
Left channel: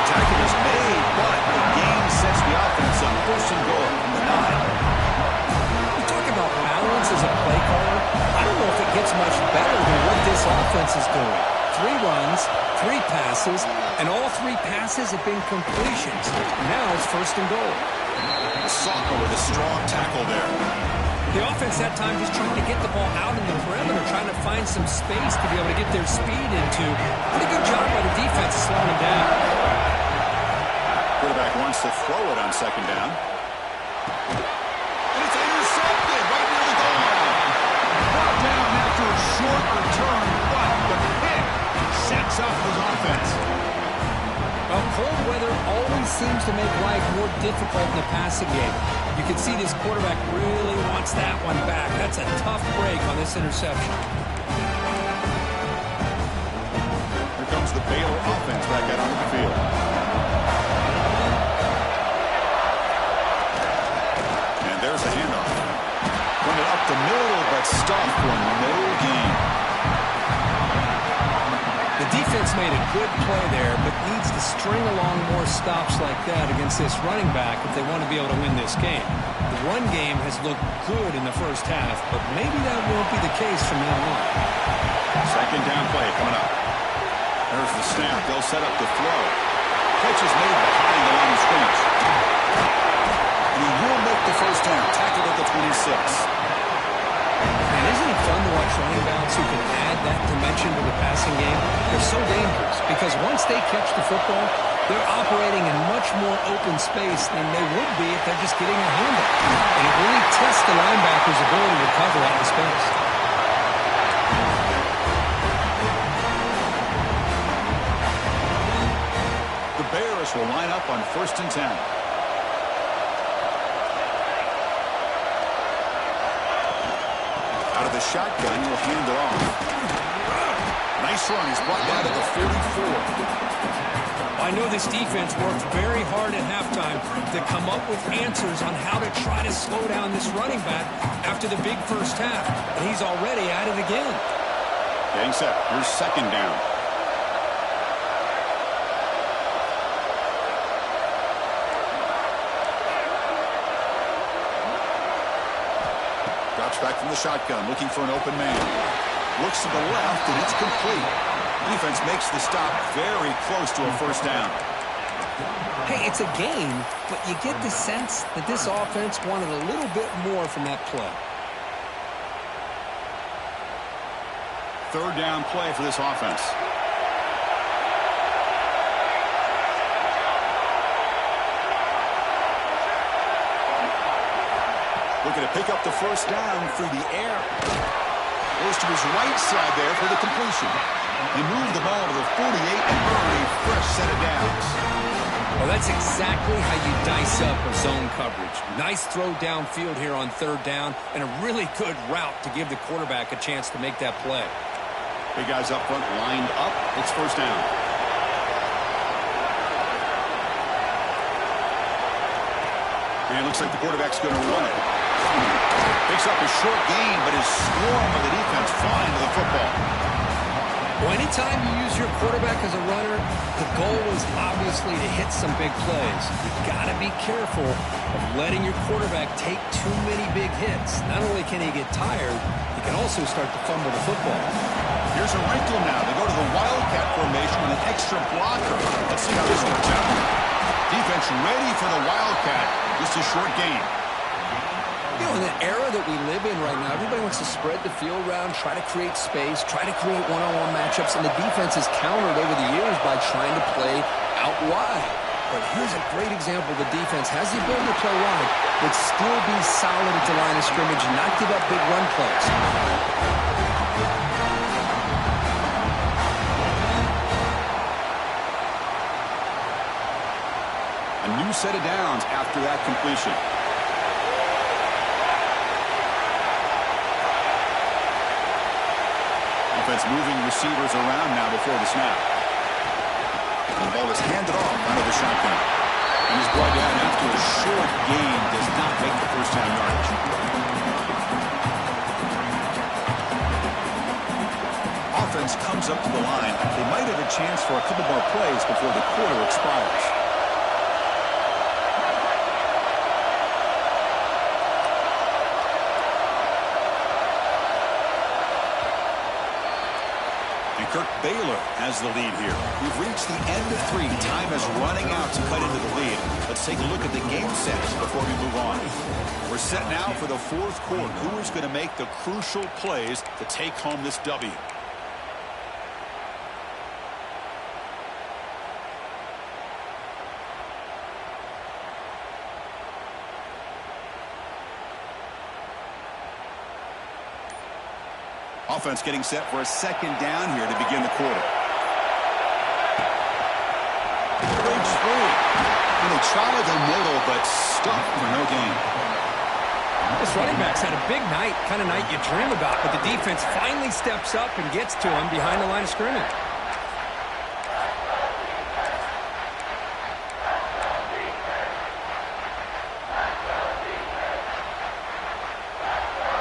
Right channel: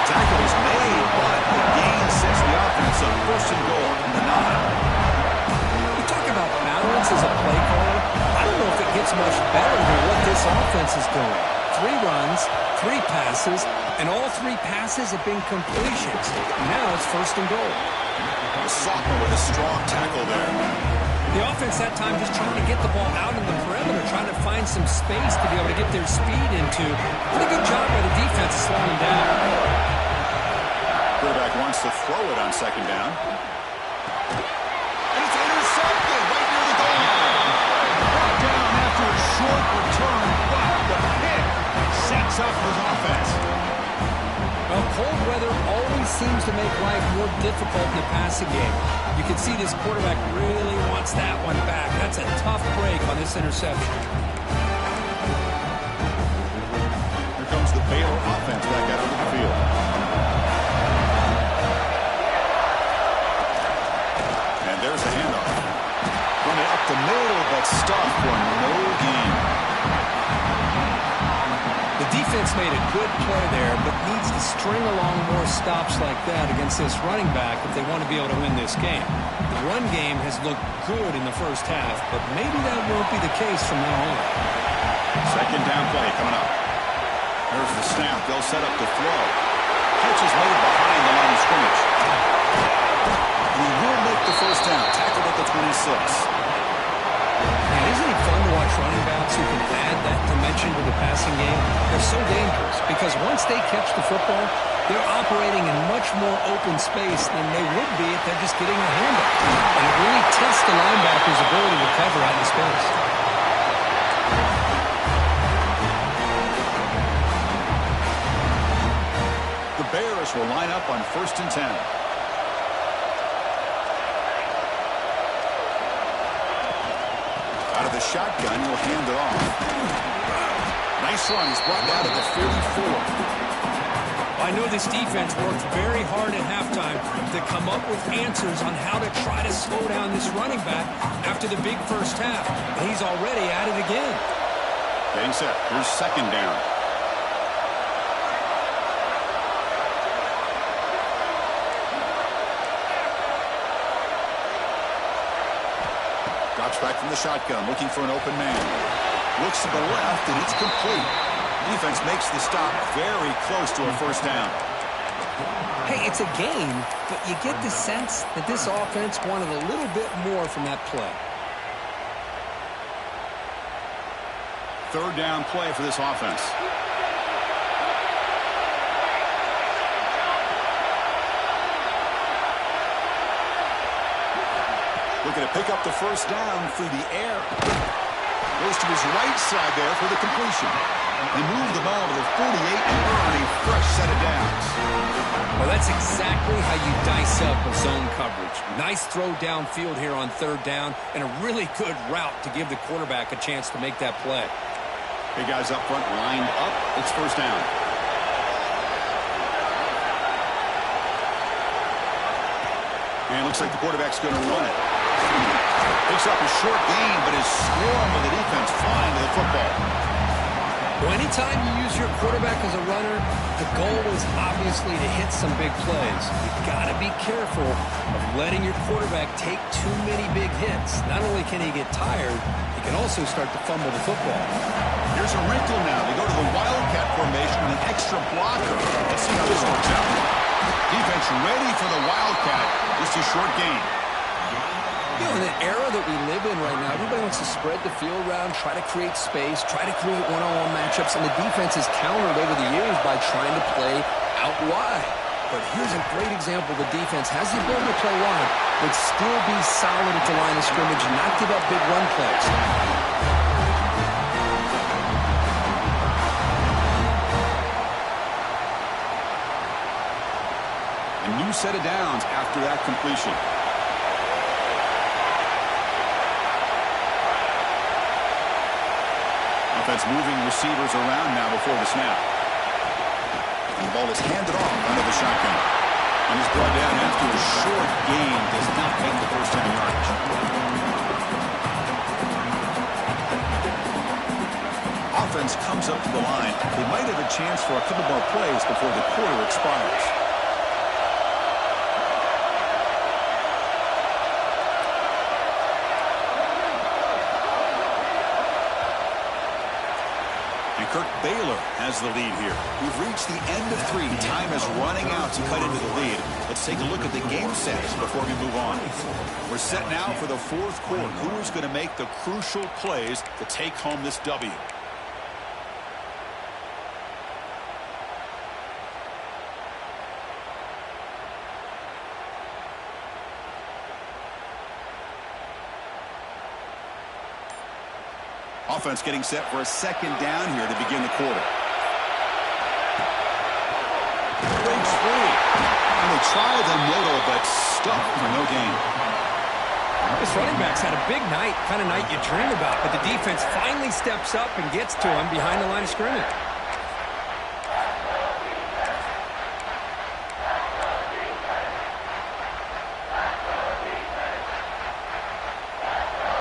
Tackle is made, but the gain sets the offense up 1st and goal from the 9. You talk about balance as a play caller. I don't know if it gets much better than what this offense is doing. 3 runs, 3 passes, and all 3 passes have been completions. Now it's 1st and goal. The sophomore with a strong tackle there. The offense that time just trying to get the ball out in the perimeter, trying to find some space to be able to get their speed into. Pretty good job by the defense to slow them down. Quarterback wants to throw it on 2nd down. And it's intercepted right near the goal line. Brought down after a short return, but the pick sets up his offense. Well, cold weather always seems to make life more difficult in the passing game. You can see this quarterback really wants that one back. That's a tough break on this interception. Here comes the Baylor offense back out onto the field. And there's the handoff. Running up the middle, but stuffed for no gain. The defense made a good play there, but needs to string along more stops like that against this running back if they want to be able to win this game. The run game has looked good in the first half, but maybe that won't be the case from now on. 2nd down play coming up. There's the snap. They'll set up the throw. Catch is made behind the line of scrimmage. And he will make the first down. Tackled at the 26. And isn't it fun to watch running backs who can add that dimension to the passing game? They're so dangerous because once they catch the football, they're operating in much more open space than they would be if they're just getting a handoff. And it really tests the linebacker's ability to cover out in space. The Bears will line up on 1st and 10. Out of the shotgun, he'll hand it off. Nice run. He's brought down to the 44. I know this defense worked very hard at halftime to come up with answers on how to try to slow down this running back after the big first half. And he's already at it again. Getting set. Here's 2nd down. Drops back from the shotgun, looking for an open man. Looks to the left, and it's complete. Defense makes the stop very close to a first down. Hey, it's a game, but you get the sense that this offense wanted a little bit more from that play. Third down play for this offense. Looking to pick up the first down through the air. Goes to his right side there for the completion. He moved the ball to the 48 and earned a fresh set of downs. Well, that's exactly how you dice up a zone coverage. Nice throw downfield here on third down and a really good route to give the quarterback a chance to make that play. Big guys up front lined up. It's first down. And it looks like the quarterback's going to run it. Picks up a short gain, but is swarmed by the defense flying to the football. Well, anytime you use your quarterback as a runner, the goal is obviously to hit some big plays. You've got to be careful of letting your quarterback take too many big hits. Not only can he get tired, he can also start to fumble the football. Here's a wrinkle now. They go to the Wildcat formation with an extra blocker. Let's see how this works out. Defense ready for the Wildcat. Just a short gain. You know, in the era that we live in right now, everybody wants to spread the field around, try to create space, try to create one-on-one matchups, and the defense has countered over the years by trying to play out wide. But here's a great example. The defense has the ability to play wide, but still be solid at the line of scrimmage and not give up big run plays. A new set of downs after that completion. Offense moving receivers around now before the snap. And the ball is handed off out of the shotgun. And he's brought down after a short gain. Does not make the first down yardage. Offense comes up to the line. They might have a chance for a couple more plays before the quarter expires. Kirk Baylor has the lead here. We've reached the end of 3. Time is running out to cut into the lead. Let's take a look at the game sets before we move on. We're set now for the fourth quarter. Who is going to make the crucial plays to take home this W? Offense getting set for a second down here to begin the quarter. Breaks free. And they try the middle, but stuck for no gain. This running back's had a big night, kind of night you dream about, but the defense finally steps up and gets to him behind the line of scrimmage.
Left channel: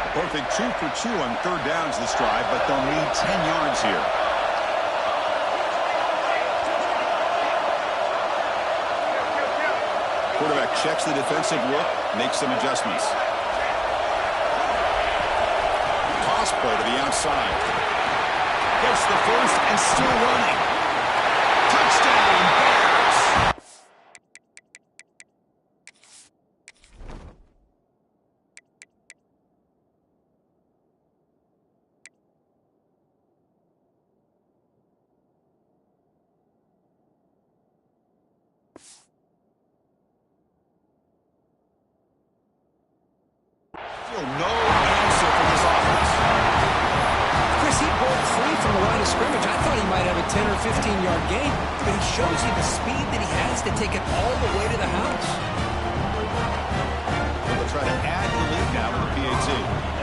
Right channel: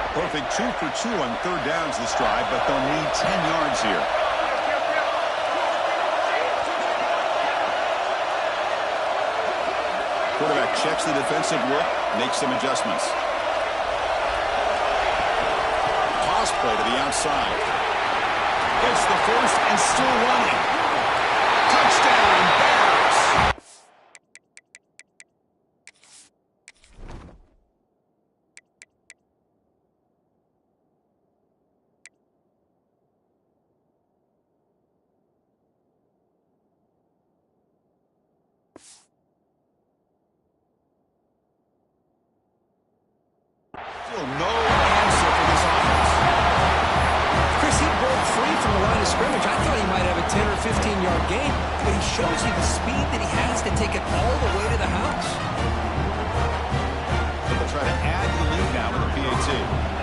Perfect 2 for 2 on third downs this drive, but they'll need 10 yards here. Quarterback checks the defensive look, makes some adjustments. Toss play to the outside. Gets the first and still running. Touchdown, Bears! Still no answer for this offense. Chris, he broke free from the line of scrimmage. I thought he might have a 10 or 15-yard gain, but he shows you the speed that he has to take it all the way to the house. They'll try to add to the lead now with a PAT.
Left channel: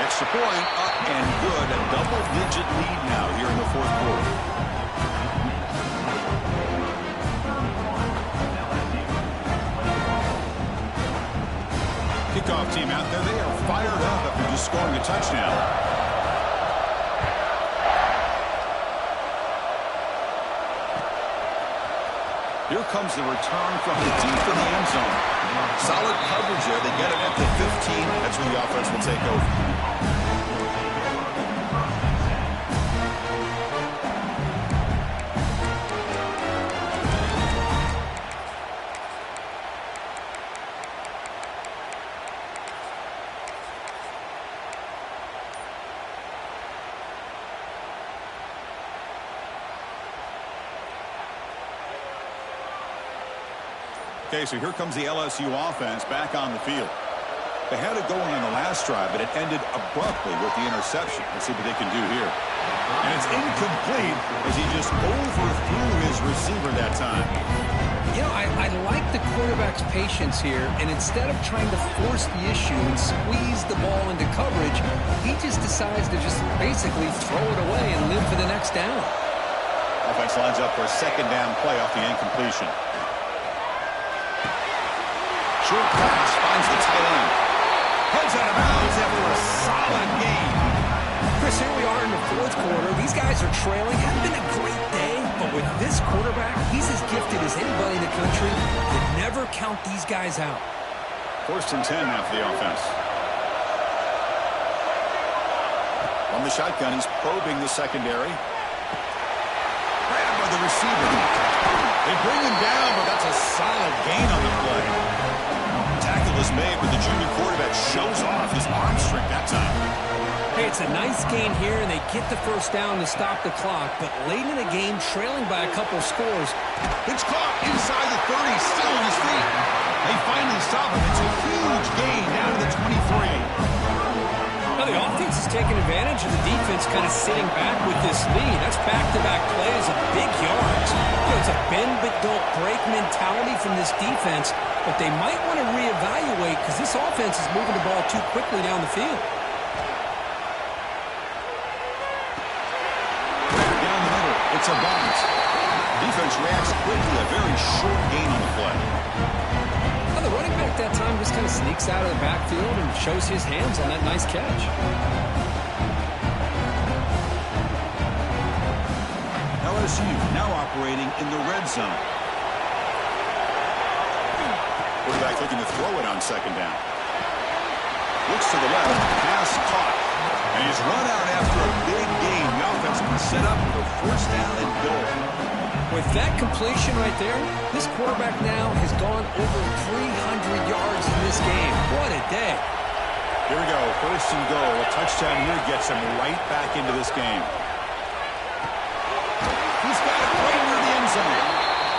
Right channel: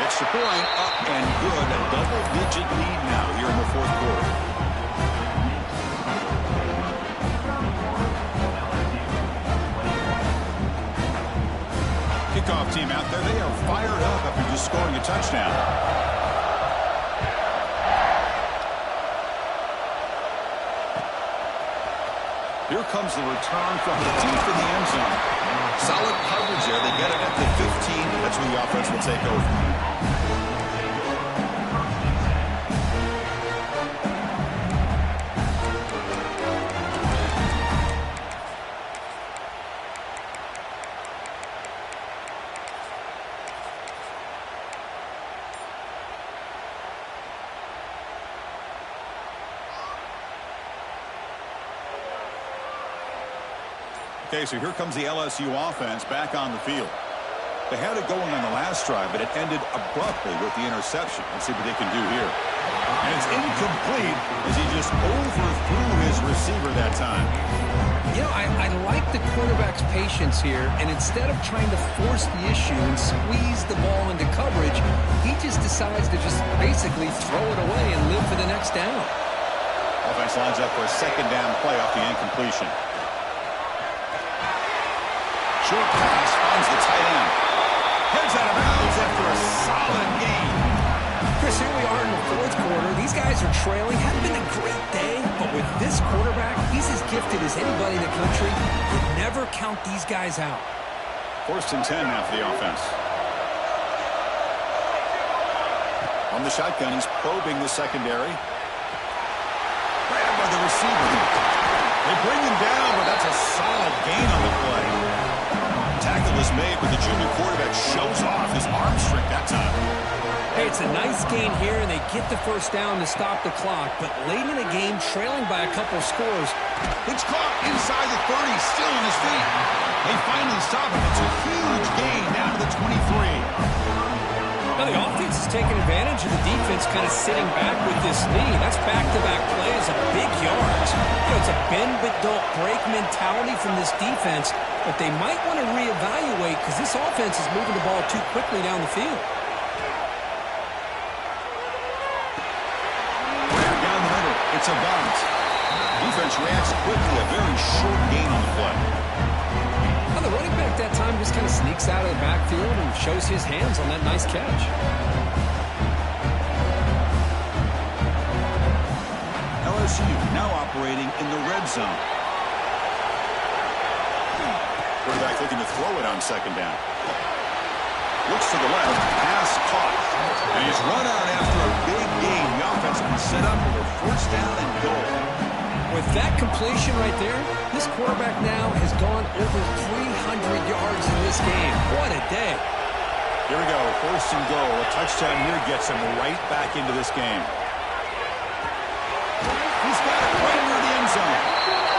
Extra point, up and good. A double-digit lead now here in the fourth quarter. Kickoff team out there. They are fired up after just scoring a touchdown. Here comes the return from the deep in the end zone. Solid coverage there. They get it at the 15. That's where the offense will take over. Okay, so here comes the LSU offense back on the field. They had it going on the last drive, but it ended abruptly with the interception. Let's see what they can do here. And it's incomplete as he just overthrew his receiver that time. You know, I like the quarterback's patience here, and instead of trying to force the issue and squeeze the ball into coverage, he just decides to just basically throw it away and live for the next down. Offense lines up for a second down play off the incompletion. Short pass finds the tight end. Heads out of bounds after a solid gain. Chris, here we are in the fourth quarter. These guys are trailing. Hadn't been a great day, but with this quarterback, he's as gifted as anybody in the country. You never count these guys out. 1st and 10 now for the offense. On the shotgun, he's probing the secondary. Grabbed by the receiver. They bring him down, but that's a solid gain on the play. Tackle is made, but the junior quarterback shows off his arm strength that time. Hey, it's a nice gain here, and they get the first down to stop the clock. But late in the game, trailing by a couple scores. It's caught inside the 30, still on his feet. They finally stop him. It's a huge gain down to the 23. Now, the offense is taking advantage of the defense kind of sitting back with this lead. That's back-to-back plays of big yards. You know, it's a bend-but-don't-break mentality from this defense, but they might want to reevaluate because this offense is moving the ball too quickly down the field. Down the middle, it's a bunt. Defense reacts quickly, a very short gain on the play. Now, the running back that time just kind of sneaks out of the backfield and shows his hands on that nice catch. LSU now operating in the red zone. Quarterback looking to throw it on second down. Looks to the left, pass caught. And he's run out after a big gain. The offense has been set up with a 1st down and goal. With that completion right there, this quarterback now has gone over 300 yards in this game. What a day. Here we go, 1st and goal. A touchdown here gets him right back into this game. He's got it right near the end zone.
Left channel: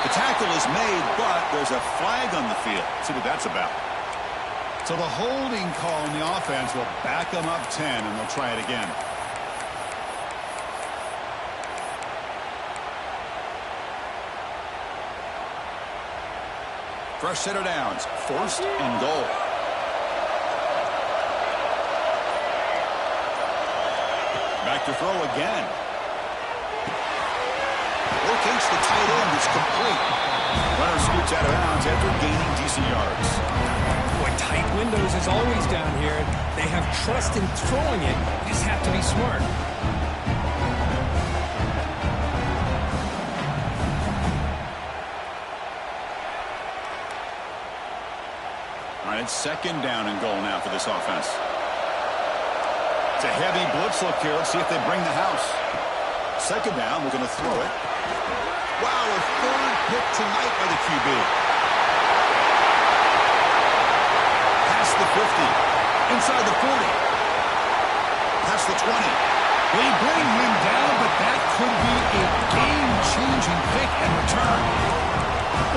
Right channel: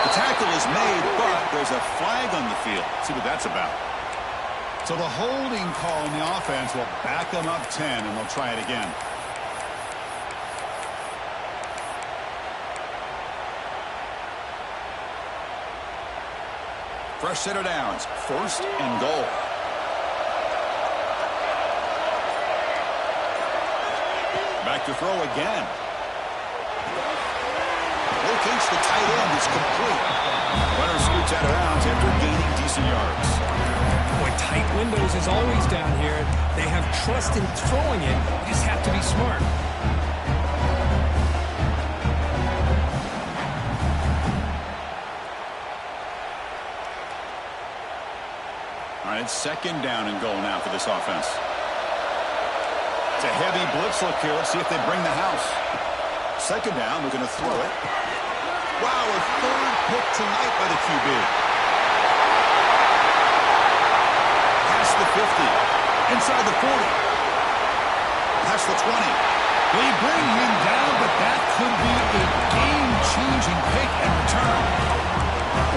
The tackle is made, but there's a flag on the field. Let's see what that's about. So the holding call in the offense will back them up 10, and they'll try it again. Fresh set of downs, 1st and goal. Back to throw again. Locates the tight end. It's complete. Runner scoots out of bounds after gaining decent yards. Boy, tight windows is always down here. They have trust in throwing it. You just have to be smart. All right, it's 2nd down and goal now for this offense. It's a heavy blitz look here. Let's see if they bring the house. 2nd down, we're going to throw it. Wow, a 3rd pick tonight by the QB. Past the 50. Inside the 40. Past the 20. They bring him down, but that could be a game-changing pick and return.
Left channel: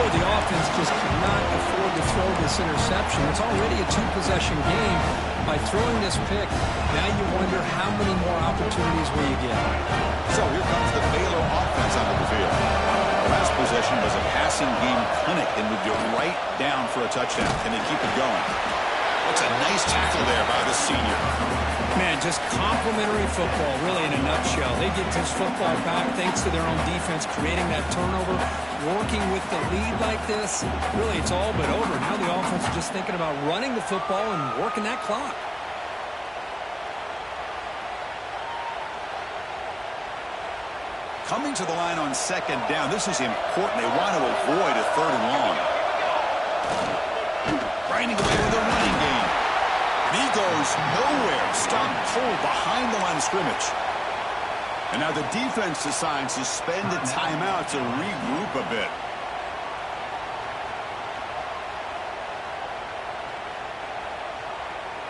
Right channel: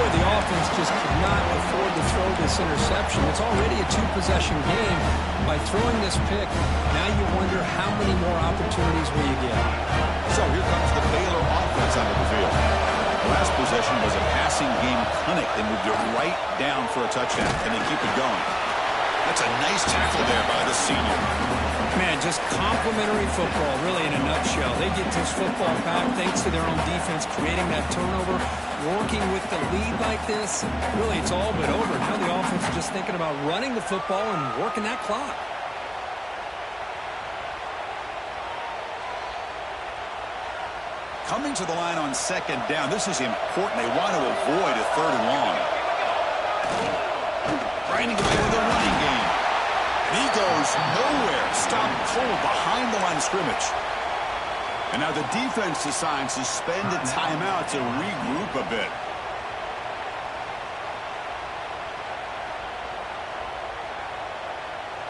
Boy, the offense just cannot afford to throw this interception. It's already a 2-possession game. By throwing this pick, now you wonder how many more opportunities will you get. So here comes the Baylor offense onto the field. The last possession was a passing game clinic. They moved it right down for a touchdown. Can they keep it going? That's a nice tackle there by the senior. Man, just complimentary football, really, in a nutshell. They get this football back thanks to their own defense, creating that turnover, working with the lead like this. Really, it's all but over. Now the offense is just thinking about running the football and working that clock. Coming to the line on second down, this is important. They want to avoid a 3rd and long. Grinding away with a running game. And he goes nowhere. Stopped cold behind the line of scrimmage. And now the defense decides to spend a timeout to regroup a bit.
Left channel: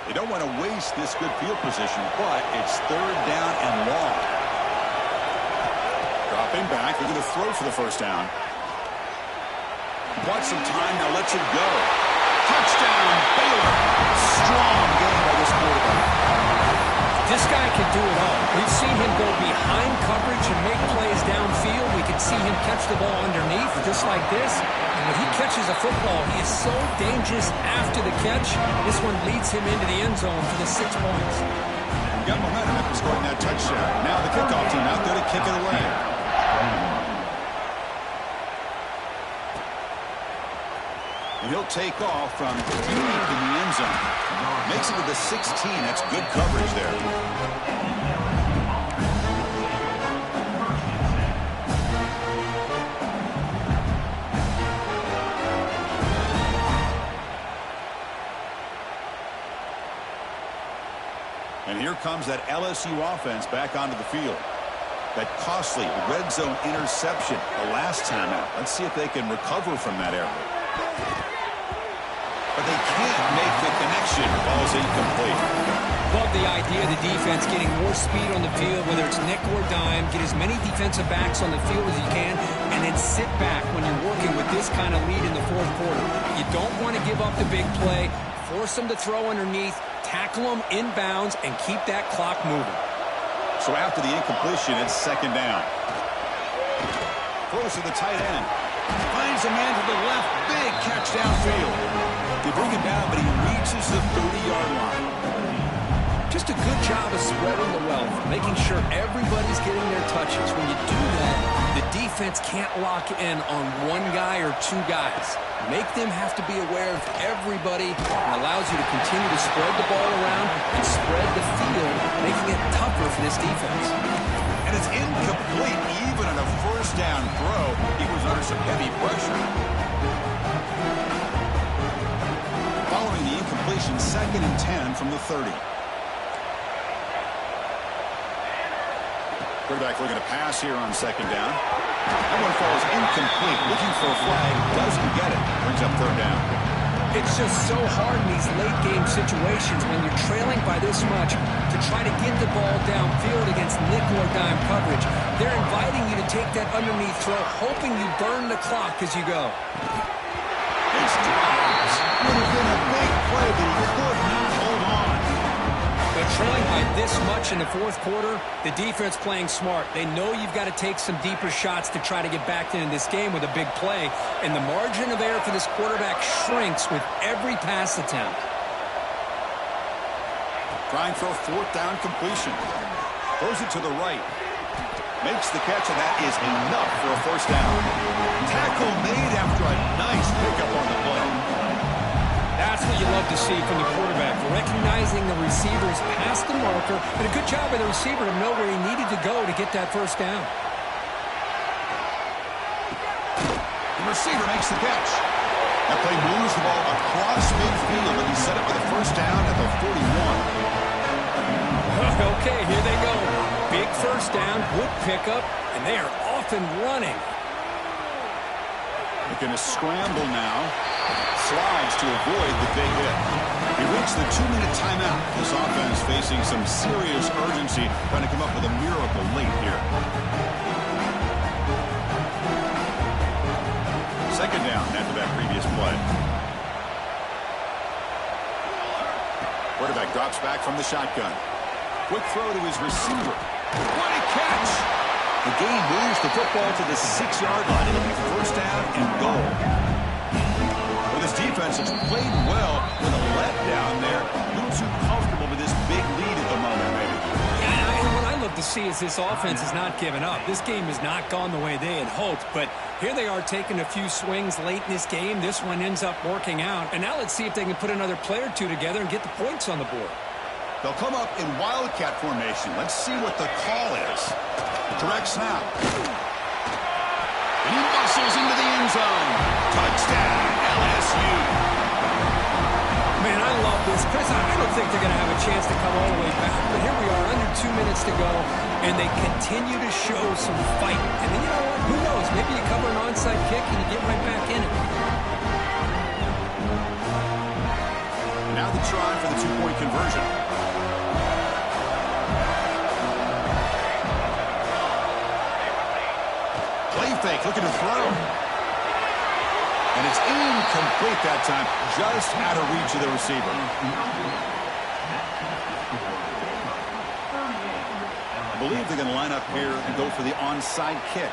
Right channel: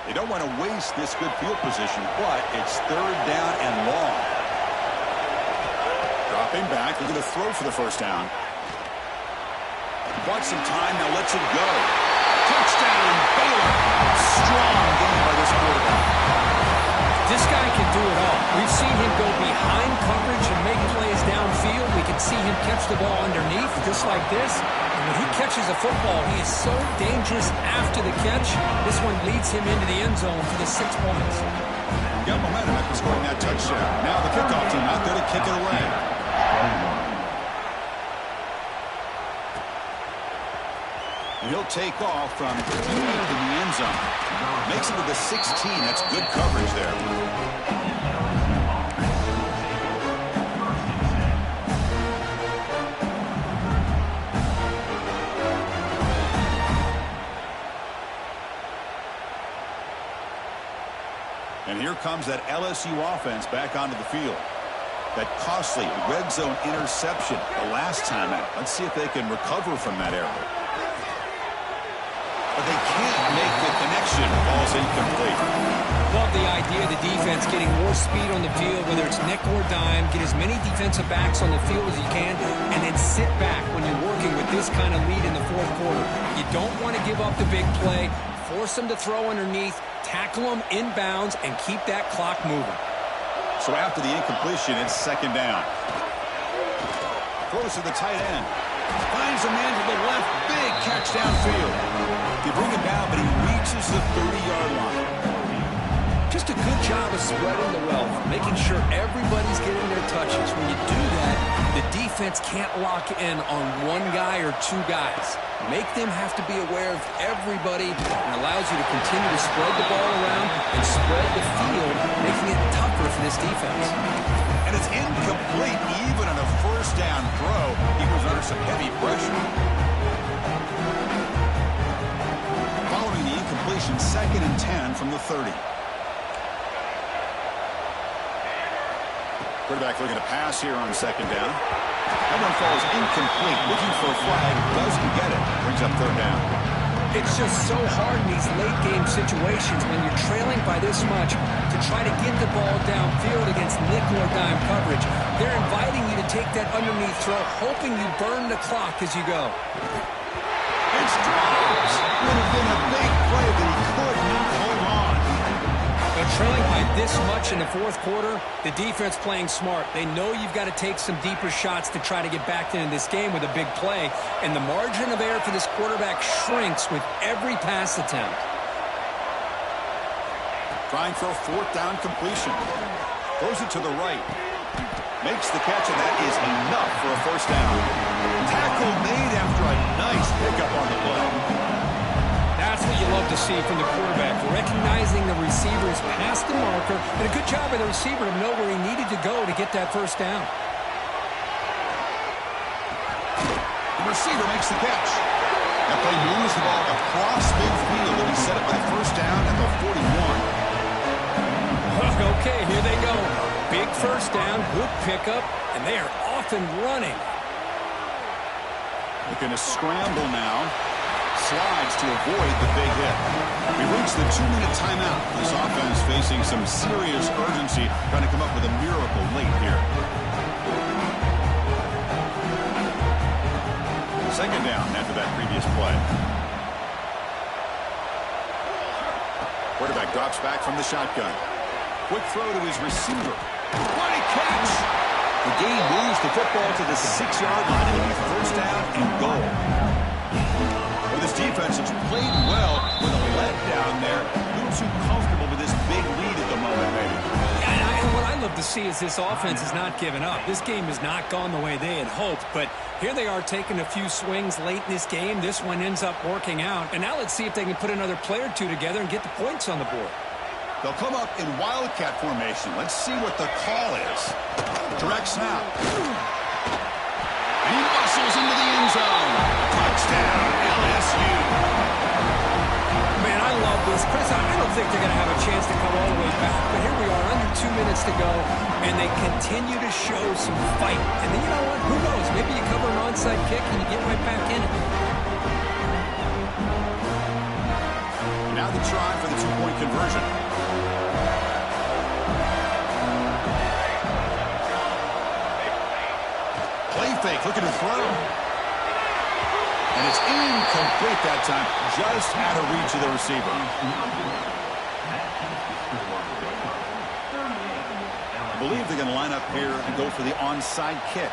They don't want to waste this good field position, but it's 3rd down and long. Dropping back, they're going to throw for the first down. Wants some time, now lets it go. Touchdown, Baylor. Strong game by this quarterback. This guy can do it all. We've seen him go behind coverage and make plays downfield. We can see him catch the ball underneath, just like this. And when he catches a football, he is so dangerous after the catch. This one leads him into the end zone for the 6 points. Got momentum after scoring that touchdown. Now the kickoff team out there to kick it away. And he'll take off from deep in the end zone. Makes it to the 16. That's good coverage there. And here comes that LSU offense back onto the field. That costly red zone interception the last time out. Let's see if they can recover from that error. But they can't make the connection. Ball's incomplete. Love the idea of the defense getting more speed on the field, whether it's nickel or dime. Get as many defensive backs on the field as you can, and then sit back when you're working with this kind of lead in the 4th quarter. You don't want to give up the big play. Force them to throw underneath, tackle them inbounds, and keep that clock moving. So after the incompletion, it's 2nd down. Throws to the tight end. Finds a man to the left. Big catch downfield. They bring him down, but he reaches the 30-yard line. Just a good job of spreading the wealth, making sure everybody's getting their touches. When you do that, the defense can't lock in on one guy or 2 guys. Make them have to be aware of everybody, and allows you to continue to spread the ball around and spread the field, making it tougher for this defense. And it's incomplete. Even on a 1st down throw, he was under some heavy pressure. Following the incompletion, 2nd and 10 from the 30. Quarterback looking to pass here on 2nd down. That one falls incomplete. Looking for a flag. Doesn't get it. Brings up 3rd down. It's just so hard in these late-game situations when you're trailing by this much to try to get the ball downfield against nickel or dime coverage. They're inviting you to take that underneath throw, hoping you burn the clock as you go. It's dropped. Would have been a big play, but he could not hold on. But trailing by this much in the 4th quarter, the defense playing smart. They know you've got to take some deeper shots to try to get back into this game with a big play. And the margin of error for this quarterback shrinks with every pass attempt. Trying for a 4th down completion. Throws it to the right. Makes the catch, and that is enough for a 1st down. Tackle made after a nice pickup on the play. That's what you love to see from the quarterback, recognizing the receiver's past the marker, and a good job by the receiver to know where he needed to go to get that 1st down. The receiver makes the catch. That play moves the ball across midfield, and he set it with a 1st down at the 41. Okay, here they go. Big 1st down, good pickup, and they are off and running. Looking to scramble now. Slides to avoid the big hit. We reached the 2-minute timeout. This offense facing some serious urgency, trying to come up with a miracle late here. 2nd down after that previous play. Quarterback drops back from the shotgun. Quick throw to his receiver. What a catch! The gain moves the football to the 6-yard line. It'll be 1st down and goal. Well, this defense has played well with a letdown there. A little too comfortable with this big lead at the moment, maybe. Yeah, and what I love to see is this offense has not given up. This game has not gone the way they had hoped, but here they are taking a few swings late in this game. This one ends up working out, and now let's see if they can put another play or 2 together and get the points on the board. They'll come up in wildcat formation. Let's see what the call is. Direct snap. And he bustles into the end zone. Touchdown, LSU. Man, I love this. Chris, I don't think they're going to have a chance to come all the way back. But here we are, under 2 minutes to go, and they continue to show some fight. And then, you know what? Who knows? Maybe you cover an onside kick and you get right back in it. And now the try for the two-point conversion. Play fake, looking to throw. And it's incomplete that time, just out of reach of the receiver. I believe they're going to line up here and go for the onside kick.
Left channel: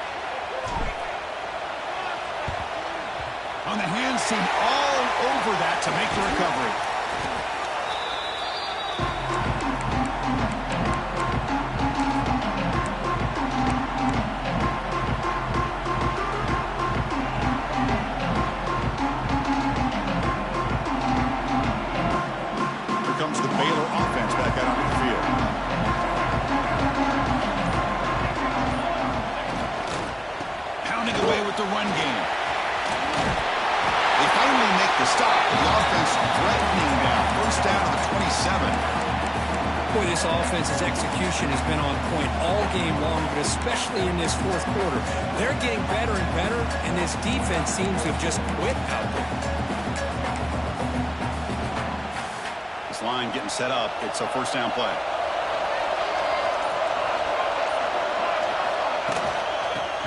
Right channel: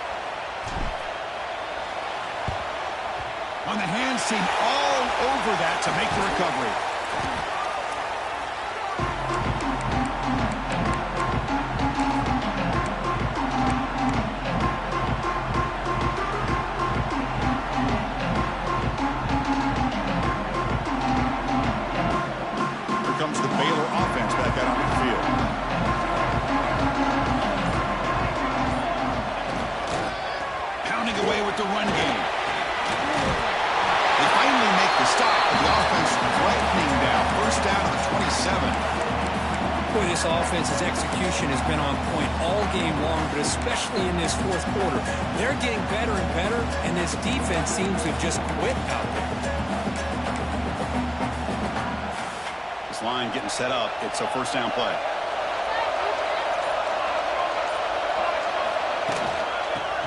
On the hands team, all over that to make the recovery. Comes the Baylor offense back out onto the field. Pounding away with the run game. They finally make the stop, but the offense threatening now. First down to the 27. Boy, this offense's execution has been on point all game long, but especially in this fourth quarter. They're getting better and better, and this defense seems to have just quit out there. Line getting set up. It's a first down play.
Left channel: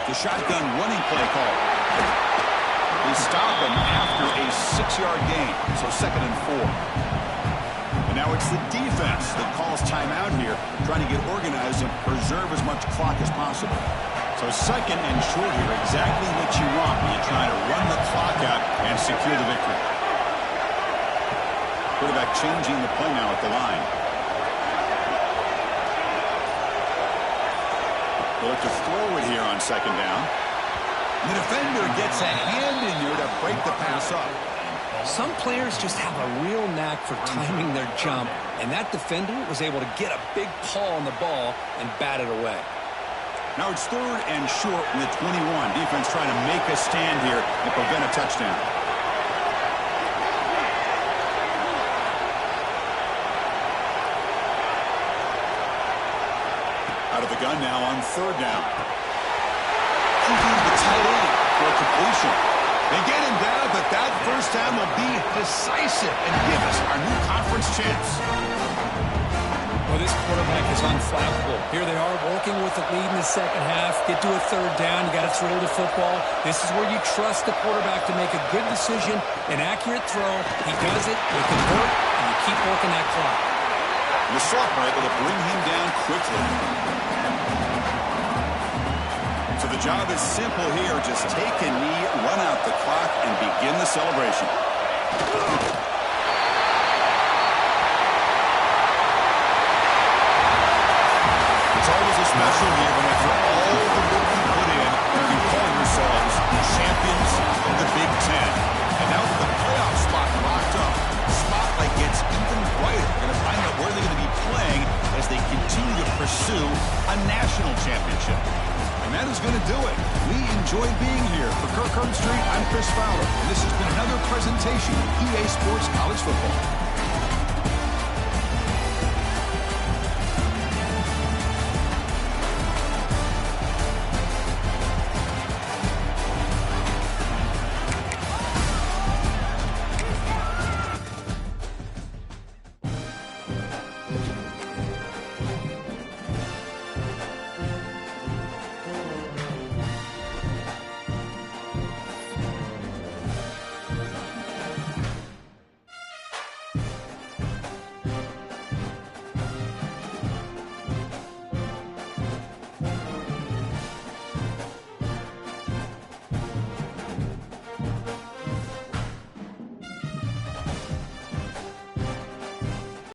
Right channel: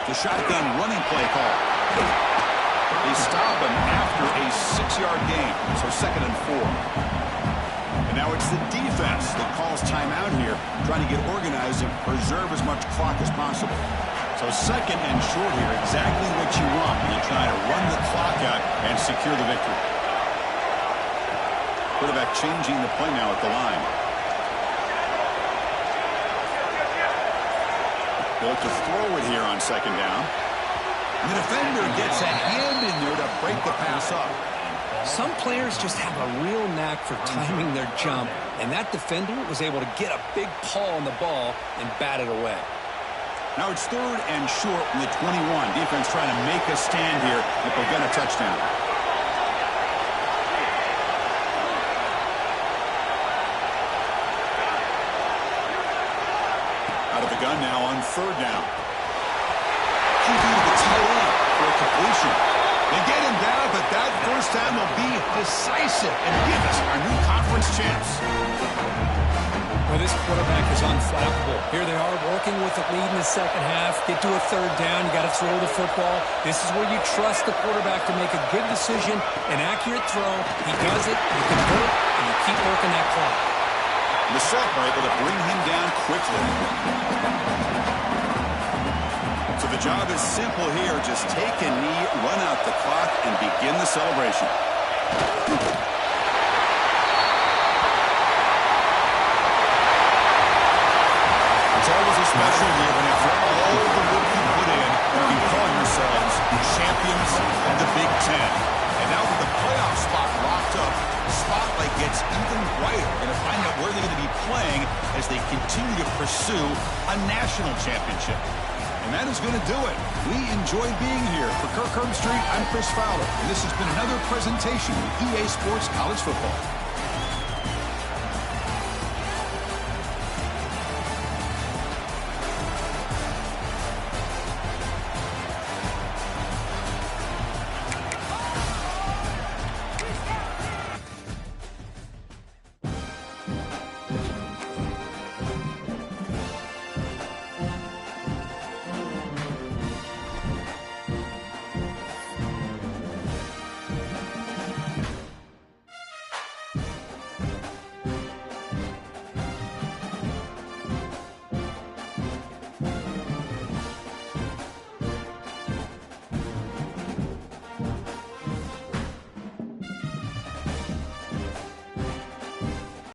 The shotgun running play call. They stop him after a 6-yard gain. So 2nd and 4. And now it's the defense that calls timeout here, trying to get organized and preserve as much clock as possible. So 2nd and short here, exactly what you want when you try to run the clock out and secure the victory. Quarterback changing the play now at the line. They look to throw it here on 2nd down. And the defender gets a hand in there to break the pass up. Some players just have a real knack for timing their jump, and that defender was able to get a big paw on the ball and bat it away. Now it's 3rd and short from the 21. Defense trying to make a stand here and prevent a touchdown. Out of the gun now on 3rd down. QB to the tight end for a completion. They get him down, but that first down will be decisive and give us our new conference champs. Well, this quarterback is unflappable. Here they are working with the lead in the second half. Get to a 3rd down. You got to throw the football. This is where you trust the quarterback to make a good decision, an accurate throw. He does it, you convert, and you keep working that clock. The sophomore able to bring him down quickly. So the job is simple here. Just take a knee, run out the clock, and begin the celebration. It's always a special year, but after all the work you put in, you can call yourselves champions of the Big Ten. And now with the playoff spot locked up, the spotlight gets even brighter. We're going to find out where they're going to be playing as they continue to pursue a national championship. And that is going to do it. We enjoyed being here. For Kirk Herbstreit, I'm Chris Fowler, and this has been another presentation of EA Sports College Football.